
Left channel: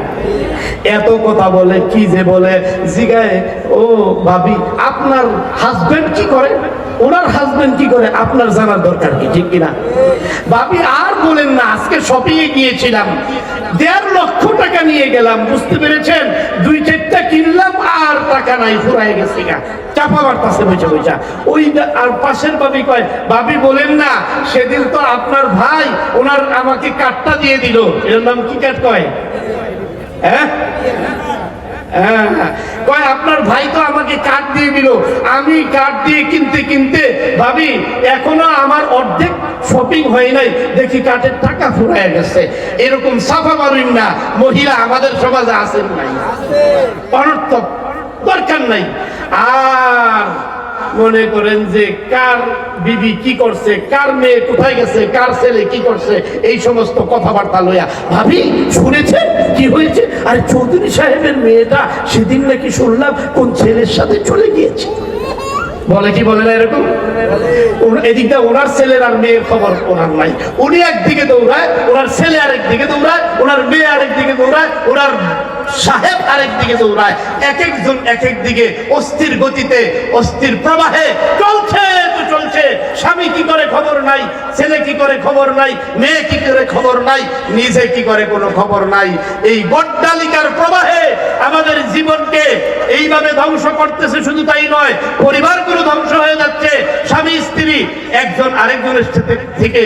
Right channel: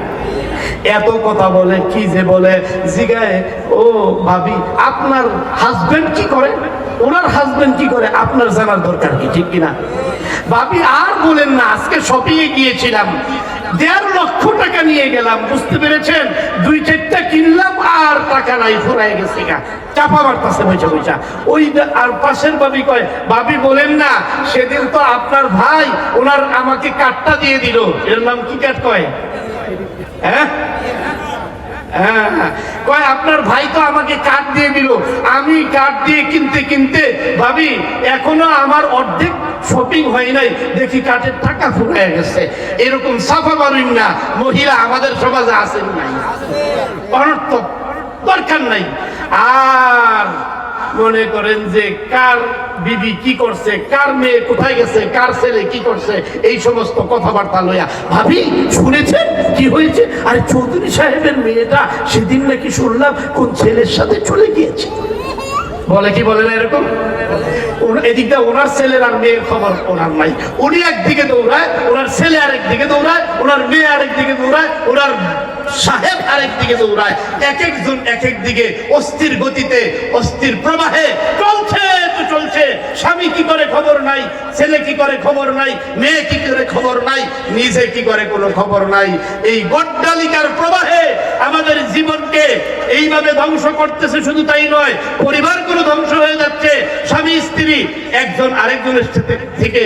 এত কথা বলে, কি যে বলে, জিগায় ও ভাবি আপনার হাজবেন্ড কি করে, ওনার হাজবেন্ড কি করে, আপনার জানার দরকার কি, ঠিক কিনা? ভাবি আর বলেন না, আজকে শপিং এ গিয়েছিলাম, 1.5 লক্ষ টাকা নিয়ে গেলাম, বুঝতে পেরেছেন? 2-4টা কিনলাম আর টাকা নাই, ফুরাই গেছে গা, চাপা মারতাছে বইসা বইসা। ওই আর পাশের ভাবি কয়, ভাবি বলেন না, সেদিন তো আপনার ভাই ওনার আমাকে কার্ডটা দিয়ে দিল, এর নাম কি কার্ড কয়? হ্যাঁ কয় আপনার ভাই তো আমাকে কার্ড দিয়ে দিল, আমি কার্ড দিয়ে কিনতে কিনতে ভাবি এখনো আমার অর্ধেক শপিং হয় নাই, দেখি কার্ডের টাকা ফুরায় গেছে। এরকম সাফা মারুন না, মহিলা আমাদের সমাজে আছেন নাই, অনর্থক, দরকার নাই। আর মনে করেন যে কার বিবি কি করছে, কার মেয়ে কোথায় গেছে, কার ছেলে কি করছে, এই সমস্ত কথাবার্তা লইয়া ভাবি শুনেছেন কি হয়েছে? আরে চৌধুরী সাহেবের মেয়েটা সেদিন নাকি শুনলাম কোন ছেলের সাথে চলে গিয়েছে, বলে কি বলে না এরকম? এদিকটা ওনার ছেলের আর মেয়ের খবর ওনার নাই, উনি একদিকে দৌড়ায়, ওনার ছেলে আরেক দিকে দৌড়ায়, ওনার মেয়ে আরেক দিকে দৌড়ায়, ওনার সাহেব আরেক দিকে দৌড়ায়, এক একজন এক এক দিকে অস্থির গতিতে অস্থির প্রবাহে চলছে তো চলছে। স্বামী কি করে খবর নাই, ছেলে কি করে খবর নাই, মেয়ে কি করে খবর নাই, নিজে কি করে কোনো খবর নাই। এই গড্ডালিকার প্রবাহে আমাদের জীবনকে এইভাবে ধ্বংস করতেছে। শুধু তাই নয়, পরিবারগুলো ধ্বংস হয়ে যাচ্ছে, স্বামী স্ত্রী একজন আরেকজনের থেকে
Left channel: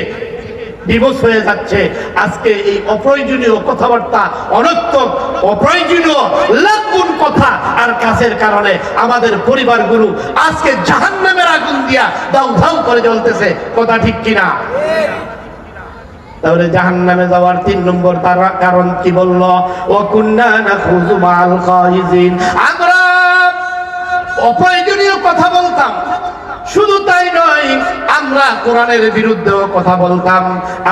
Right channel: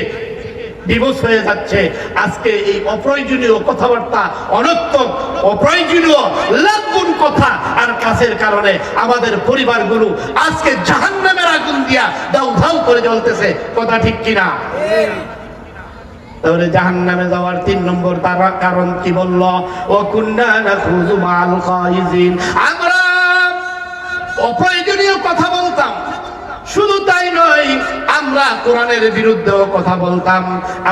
ডিভোর্স হয়ে যাচ্ছে। আজকে এই অপ্রয়োজনীয় কথাবার্তা, অনর্থক অপ্রয়োজনীয় লাগুন কথা আর কাজের কারণে আমাদের পরিবারগুলো আজকে জাহান্নামের আগুন দিয়া দাউ দাউ করে জ্বলতেছে, কথা ঠিক কিনা? তাহলে জাহান্নামে যাওয়ার 3 নম্বর তার কারণ কি বলল? ওয়া কুন্না নাখুযু মাল খাইজিন, আমরা অপ্রয়োজনীয় কথা বলতাম। শুধু তাই নয়, আমরা কোরআনের বিরুদ্ধেও কথা বলতাম,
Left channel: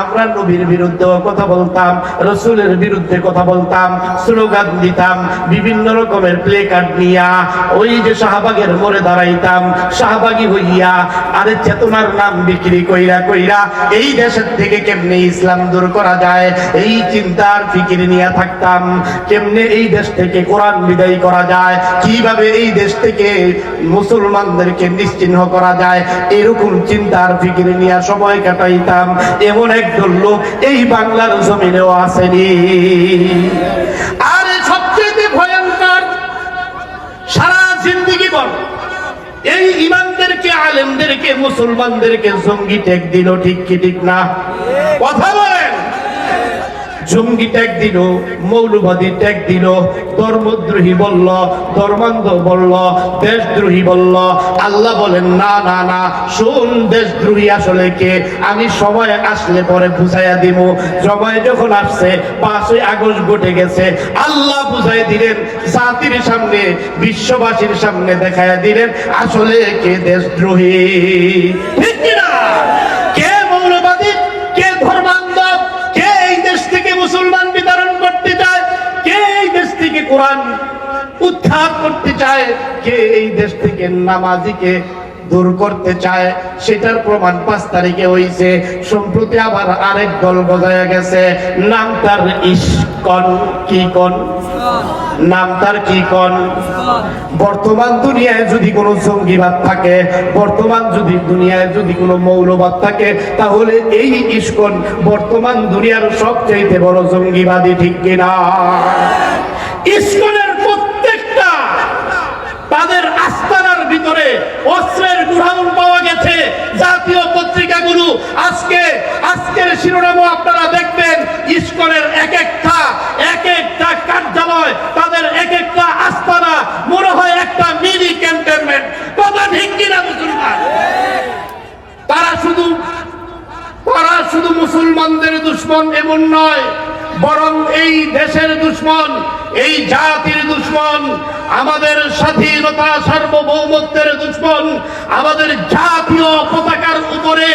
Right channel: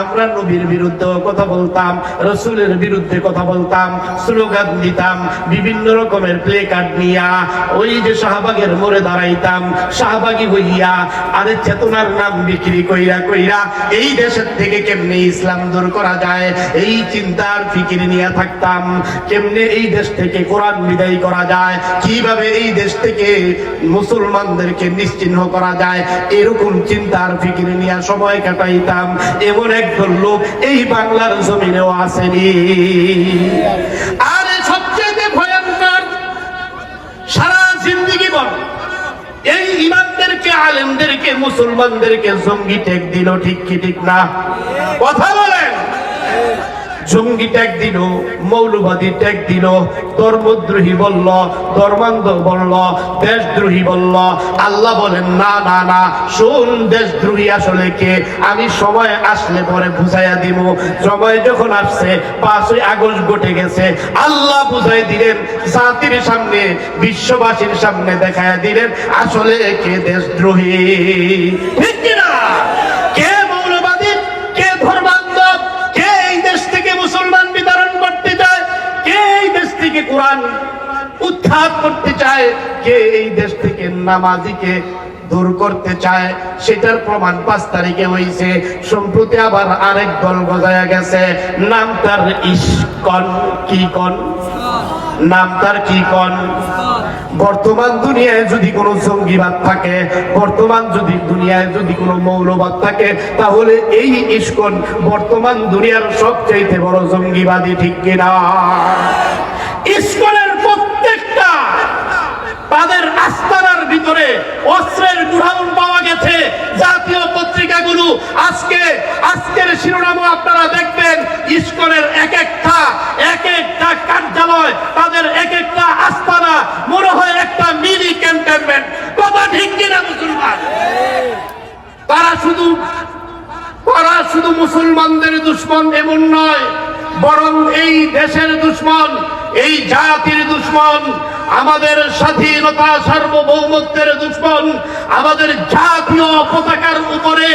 আমরা নবীর বিরুদ্ধেও কথা বলতাম, রাসূলের বিরুদ্ধে কথা বলতাম, স্লোগান দিতাম, বিভিন্ন রকমের প্লে কার্ড নিয়া ওই যে শাহবাগের মোড়ে দাঁড়াইতাম, শাহবাগী হইয়া আরে চেতনার নাম বিক্রি কইরা কইরা এই দেশের থেকে কেমনে ইসলাম দূর করা যায় এই চিন্তার ফিকির নিয়ে থাকতাম, কেমনে এই দেশ থেকে কোরআন বিদায় করা যায়, কিভাবে এই দেশ থেকে মুসলমানদেরকে নিশ্চিহ্ন করা যায়, এরকম চিন্তার ফিকির নিয়ে সময় কাটাইতাম। এমন একজন লোক এই বাংলার জমিনেও আসেনি। আর সবচেয়ে ভয়ঙ্কর, সারা জিন্দেগি বল এই ইমামদেরকে, আলেমদেরকে, মুসলমানদেরকে জঙ্গি ট্যাগ দিল, ঠিক কি ঠিক না? কথা বলেন। জঙ্গি ট্যাগ দিল, মৌলবাদী ট্যাগ দিল, ধর্মদ্রোহী বলল, ধর্মান্ধ বলল, দেশদ্রোহী বলল। আল্লাহ বলেন না না না, শুন, দেশদ্রোহী আসলে কে আমি সময় আসলে পরে বুঝাইয়া দিব। সময় যখন আসছে, 5ই আগস্ট ঘটে গেছে, আল্লাহ বুঝাই দিলেন, জাতির সামনে, বিশ্ববাসীর সামনে দেখাইয়া দিলেন আসলে কে দেশদ্রোহী, ঠিক কিনা? কে মৌলবাদী, কে ধর্মান্ধ, কে এই দেশ থেকে মুসলমান বিতরণ করতে চায়, কে এই দেশ থেকে কোরআন উৎখাত করতে চায়, কে এই দেশ থেকে নামাজিকে দূর করতে চায়, সেটার প্রমাণ 5 তারিখে হয়েছে। সম্প্রতি আবার আরেক দল গজায়া গেছে, নাম তার ইস্কন। কি কন? নাম তার কি কন? বর্তমান দুনিয়ায় যদি কোনো জঙ্গিবাদ থাকে, বর্তমান যদি দুনিয়ায় যদি কোনো মৌলবাদ থাকে, তাহলে এই ইস্কন বর্তমান দুনিয়ার সবচাইতে বড় জঙ্গিবাদী, ঠিক কিনা? ইস্কনের প্রত্যেকটা তাদের আস্তানার ভিতরে অস্ত্রের গুড়াউন পাওয়া গেছে জাতীয় পত্রিকাগুলো। আজকের শিরোনামও আপনারা দেখবেন, ইসকনের এক একটা কার্যালয়, তাদের এক একটা আস্তানা মনে হয় একটা মিনি ক্যান্টনমেন্ট। কথা ঠিক কিনা মুসলমান? তারা শুধু মুসলমানদের দুশমন এমন নয়, বরং এই দেশের দুশমন, এই জাতির দুশমন, আমাদের স্বাধীনতা সার্বভৌমত্বের দুশমন। আমাদের জাতীয় পতাকার উপরে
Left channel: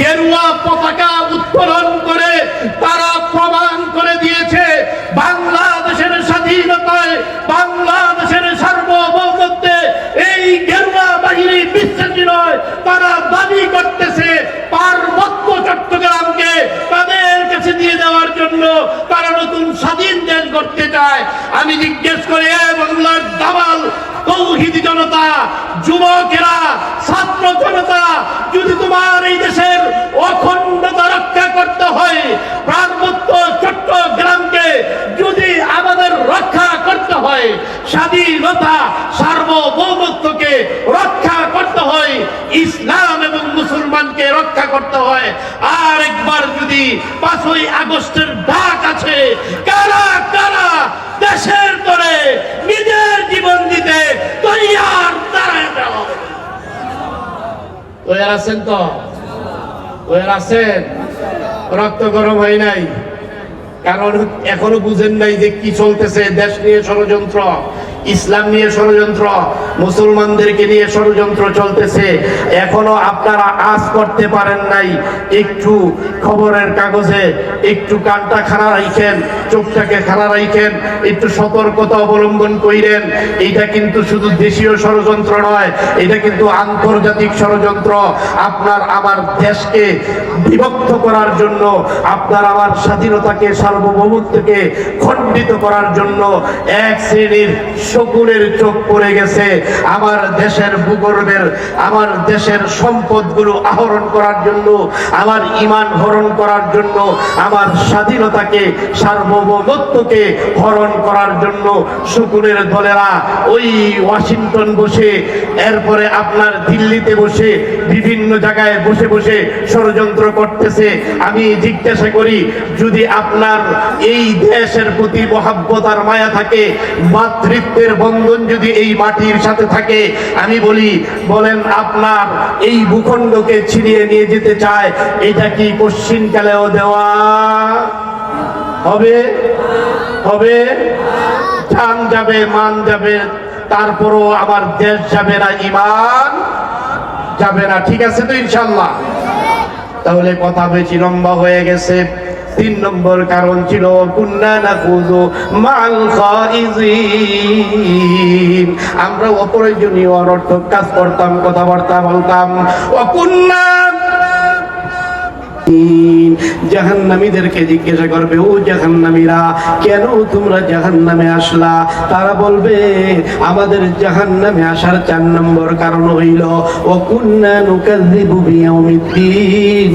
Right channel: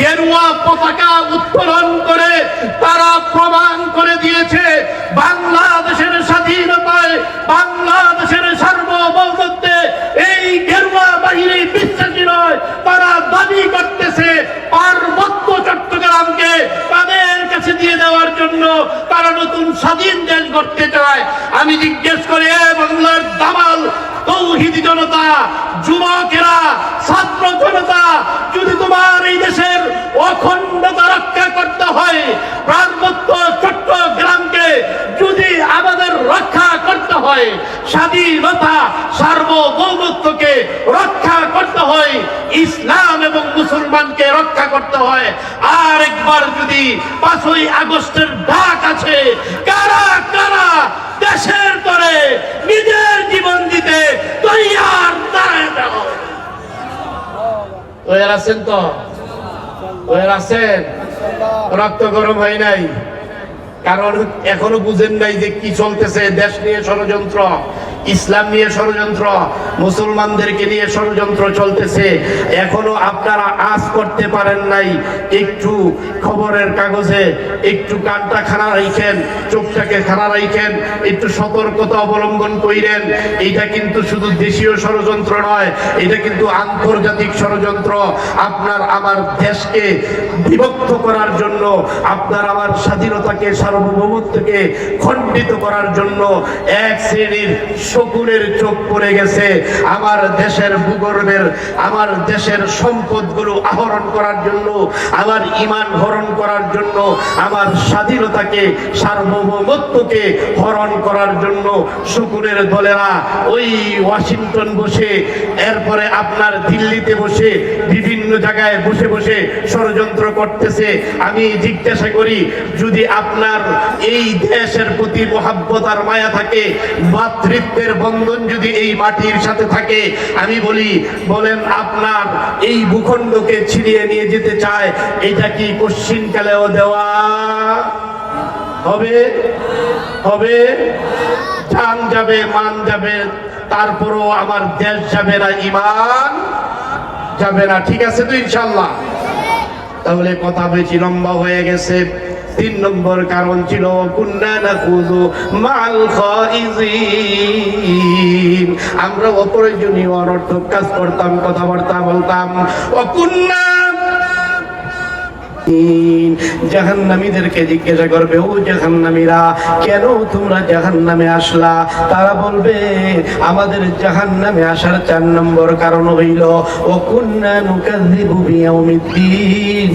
গেরুয়া পতাকা উত্তোলন করে তারা প্রমাণ করে দিয়েছে বাংলাদেশের স্বাধীনতায়, বাংলাদেশের সার্বভৌমত্বে এই গেরুয়া বাহিনী বিশ্বাসী নয়। তারা দাবি করতেছে পার্বত্য চট্টগ্রামকে তাদের কাছে দিয়ে দেওয়ার জন্য তারা নতুন স্বাধীন দেশ গড়তে চায়। আমি জিজ্ঞেস করি, বাংলার দামাল তৌহিদি জনতা, যুবকেরা, ছাত্র জনতা, যদি তোমার এই দেশের অখণ্ডতা রক্ষা করতে হয়, পার্বত্য চট্টগ্রামকে যদি আমাদের রক্ষা করতে হয়, স্বাধীনতা সার্বভৌমত্বকে রক্ষা করতে হয়, ইসলাম এবং মুসলমানকে রক্ষা করতে হয়, আর একবার যদি 5ই আগস্টের ডাক আছে, কারা কারা দেশের তরে নিজের জীবন দিতে তৈয়ার দাঁড়ায় যাও? তৈয়ার আছেন তো? তৈয়ার আছেন? রক্ত গরম হয় নাই? কারণ এখনো বুঝেন নাই যে কি চলতেছে। দেশ নিয়ে ষড়যন্ত্র, ইসলাম নিয়ে ষড়যন্ত্র, মুসলমানদেরকে নিয়ে ষড়যন্ত্র চলতেছে। এখনো আপনারা আজ করতে পারেন নাই। একটু খবরের কাগজে একটু কানটা খাড়া রাখেন, চোখটাকে খাড়া রাখেন, একটু সতর্কতা অবলম্বন কইরেন। এইটা কিন্তু শুধু দেশীয় ষড়যন্ত্র নয়, এটা কিন্তু আন্তর্জাতিক ষড়যন্ত্র। আপনার আমার দেশকে বিভক্ত করার জন্য, আপনার আমার স্বাধীনতাকে সার্বভৌমত্বকে খণ্ডিত করার জন্য এক শ্রেণীর শকুনের চোখ পড়ে গেছে আমার দেশের ভূগর্ভের, আমার দেশের সম্পদগুলো আহরণ করার জন্য, আমার ঈমান হরণ করার জন্য, আমার স্বাধীনতাকে সার্বভৌমত্বকে হরণ করার জন্য শকুনের দলেরা ওই ওয়াশিংটন বসে, এরপরে আপনার দিল্লিতে বসে, বিভিন্ন জায়গায় বসে বসে ষড়যন্ত্র করতেছে। আমি জিজ্ঞাসা করি, যদি আপনার এই দেশের প্রতি মহাব্বত আর মায়া থাকে, মাতৃত্বের বন্ধন যদি এই মাটির সাথে থাকে, আমি বলেন আপনার এই ভূখণ্ডকে ছিনিয়ে নিয়ে যেতে চায়, এটা কি কশ্চিনকালেও দেওয়া হবে? হবে? জান যাবে, মান যাবে, তারপরও আমার দেশ যাবে না, ঈমান যাবে না। ঠিক আছে তো ইনশাআল্লাহ? তাহলে কথা বেশি লম্বা হয়ে গেছে। 3 নম্বর কারণ ছিল কুন্না নাখুযু মাল খাইজিন। আমরা অপ্রয়োজনীয় অনর্থক কাজ করতাম, কথাবার্তা বলতাম। ও কুন্না জাহান্নামীদেরকে জিজ্ঞাসা করবে, ও জাহান্নামীরা, কেন তোমরা জাহান্নামে আসলা? তারা বলবে, আমাদের জাহান্নামে আসার 4 নম্বর কারণ হইল ও কুন্না নুকাযযিবু বিয়াউমিদ্দিন।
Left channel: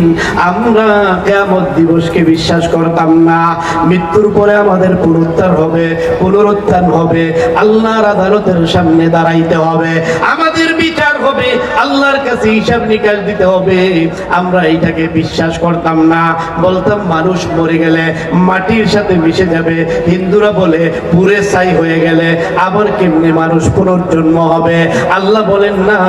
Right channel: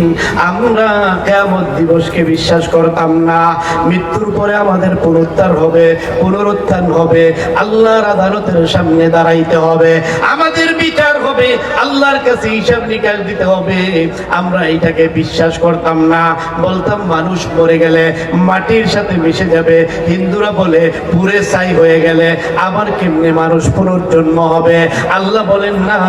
আমরা কিয়ামত দিবসকে বিশ্বাস করতাম না। মৃত্যুর পরে আমাদের পুনরুত্থান হবে, আল্লাহর আদালতের সামনে দাঁড়াইতে হবে, আমাদের বিচার হবে, আল্লাহর কাছে হিসাব নিকাশ দিতে হবে। আমরা এইটাকে বিশ্বাস করতাম না। বলতাম মানুষ মরে গেলে মাটির সাথে মিশে যাবে। হিন্দুরা বলে পুরে ছাই হয়ে গেলে আবার কেমনে মানুষ পুনর্জন্ম হবে? আল্লাহ বলেন না,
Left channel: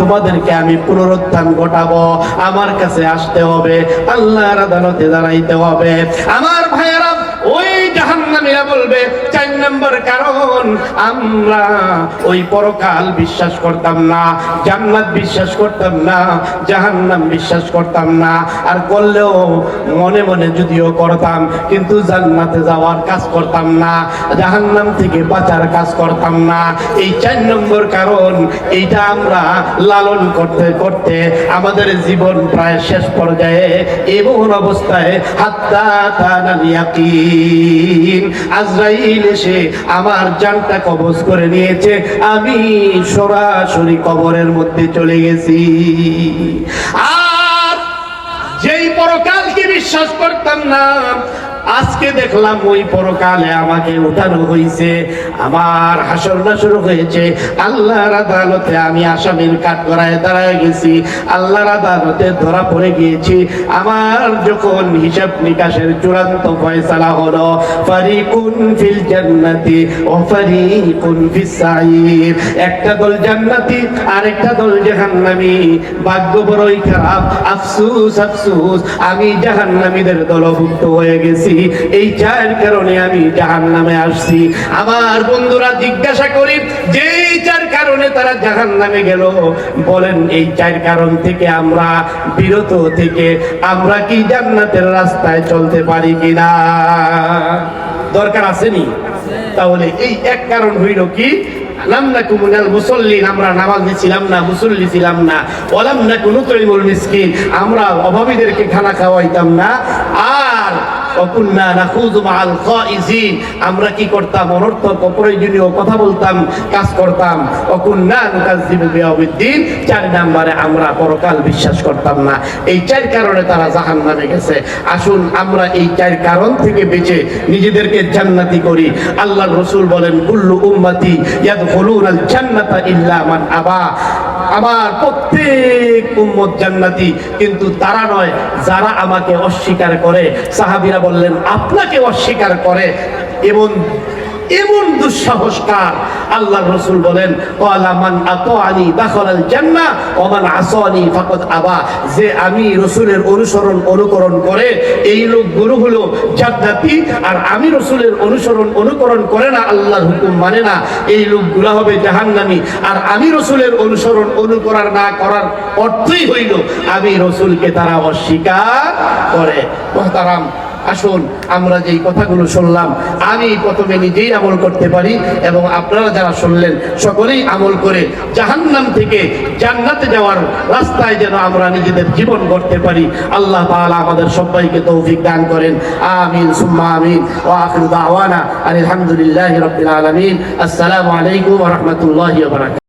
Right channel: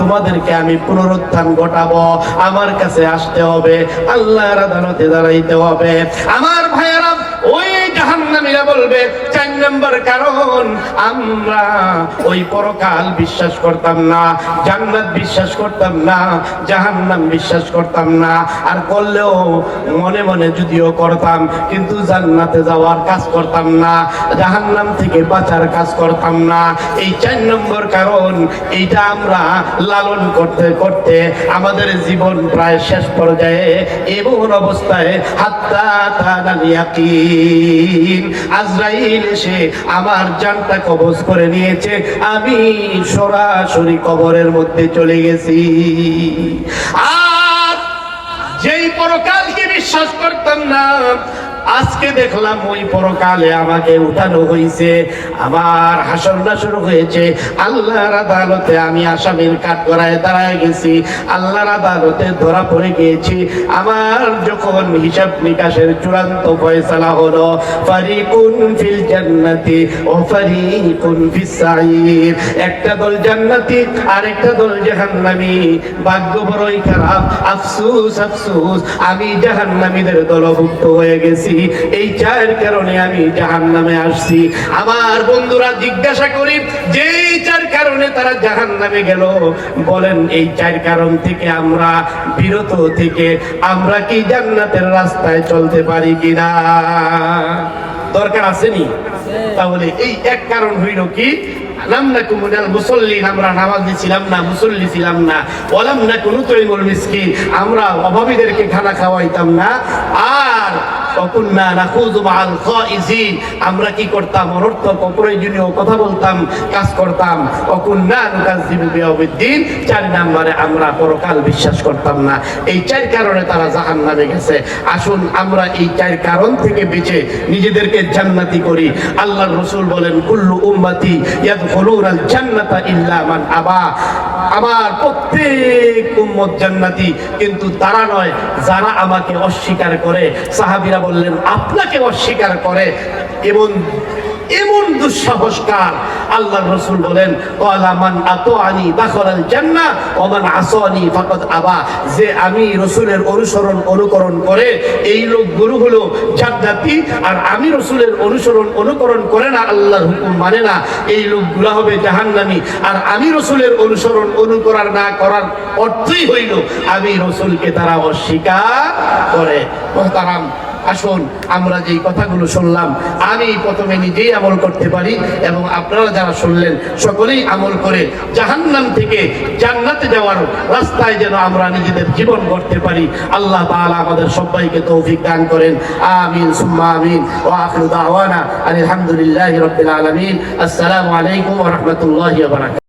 তোমাদেরকে আমি পুনরুত্থান ঘটাবো, আমার কাছে আসতে হবে, আল্লাহর আদালতে দাঁড়াইতে হবে। আমার ভাইয়েরা, ওই জাহান্নামীরা বলবে 4 নম্বর কারণ, আমরা ওই পরকাল বিশ্বাস করতাম না, জান্নাত বিশ্বাস করতাম না, জাহান্নাম বিশ্বাস করতাম না। আর করলেও মনে মনে যদিও করতাম, কিন্তু জান্নাতে যাওয়ার কাজ করতাম না, জাহান্নাম থেকে বাঁচার কাজ করতাম না। এই 4 নম্বর কারণ, এইটা আমরা লালন করতে করতে আমাদের জীবন প্রায় শেষ পর্যায়ে। এমন অবস্থায় হাত্তা তানাল ইয়াকিন, আজরাইল এসে আমার জানটা কবজ করে নিয়েছে, আমি সরাসরি কবরের মধ্যে চলে গেছি। আর যেই পরকালকে বিশ্বাস করতাম না, আজকে দেখলাম ওই পরকালে আমাকে উঠানো হয়েছে। আমার হাসর নাসর হয়েছে, আল্লাহর আদালতে আমি আসামির কাঠগড়ায় দাঁড়ায় গেছি, আল্লাহর আদালতে ধরা পড়ে গিয়েছি। আমার যখন হিসাব নিকাশের চূড়ান্ত ফয়সালা হলো, ফারিকুন ফিল জান্নাতি ও ফারিকুন ফিস সাঈর, একটা দল জান্নাতি আর একটা দল জাহান্নামী। ভাগ্য বড়ই খারাপ, আফসোস আফসোস, আমি জাহান্নামীদের দলভুক্ত হয়ে গেছি। এই চার কারণে আমি জাহান্নামে আসছি। আমার বন্ধুরা, জিজ্ঞাসা করি, যে চার কারণে তারা জাহান্নামে গেল, বলেন এই চার কারণ থেকে আমরা বিরত থেকে আমরা কি জান্নাতের রাস্তায় চলতে পারি কিনা? দরকার আসেনি? তাহলে এই এক কারণ হইল কি, লাম নাকু মিনাল মুসাল্লিন, আমরা নামাজি ছিলাম না, মুসল্লি ছিলাম না। ওয়ালাম নাকু নুতইমুল মিসকিন, আমরা অভাবীদেরকে খানা খাওয়াইতাম না। আর ওয়াকুন্না নাখুযু মাআল খাইজিন, আমরা কি করতাম? অনর্থক অপ্রয়োজনীয় কথা বলতাম, কাজ করতাম। ওয়াকুন্না নুকাযযিবু বিয়াউমিদ্দিন, 4 নম্বরে আমরা পরকাল বিশ্বাস করতাম না। এই 4 কারণে তারা জাহান্নামে গেছে। আসুন আমরা এই 4 কারণ থেকে বেঁচে নিজেদেরকে জান্নাতি করি। আল্লাহর রাসূল বলেন, কুল্লু উম্মতি ইয়াদখুলুনাল জান্নাতা ইল্লা মান আবা, আমার প্রত্যেক উম্মত জান্নাতি, কিন্তু তারা নয় যারা আমাকে অস্বীকার করে। সাহাবীরা বললেন, আপনাকে অস্বীকার করে এমন এমন দুঃসাহসকার? আল্লাহর রাসূল বলেন, ক্বালা মান আতাআনি দাখালাল জান্নাহ ওয়া মান আসানি ফাকাদ আবা, যে আমি রাসূলের অনুসরণ অনুকরণ করে এই লোকগুলো হলো জান্নাতি, আর আমি রাসূলের অনুসরণ অনুকরণ করে না, আল্লাহর হুকুম মানে না, এই লোকগুলো হবে জাহান্নামী। আর আমি রাসূলের অনুসরণ অনুকরণ না করার অর্থই হইল আমি রাসূলকে তারা অস্বীকার করে। মুহতারাম, আসুন আমরা যেই কথাগুলো শুনলাম, আমি প্রথমে নিজেই আমল করতে পারি এবং আপনারা যারা শুনলেন সকলেই আমল করে জাহান্নাম থেকে জান্নাতে যাওয়ার রাস্তায় যেন আমরা নিজেদের জীবন গড়তে পারি। আল্লাহ তাআলা আমাদের সবাইকে তৌফিক দান করেন। আমিন সুম্মা আমিন। ওয়া আখিরু দাওয়ানা আলহামদুলিল্লাহি রাব্বিল আলামিন। আসসালামু আলাইকুম ওয়া রাহমাতুল্লাহি ওয়া বারাকাতুহু।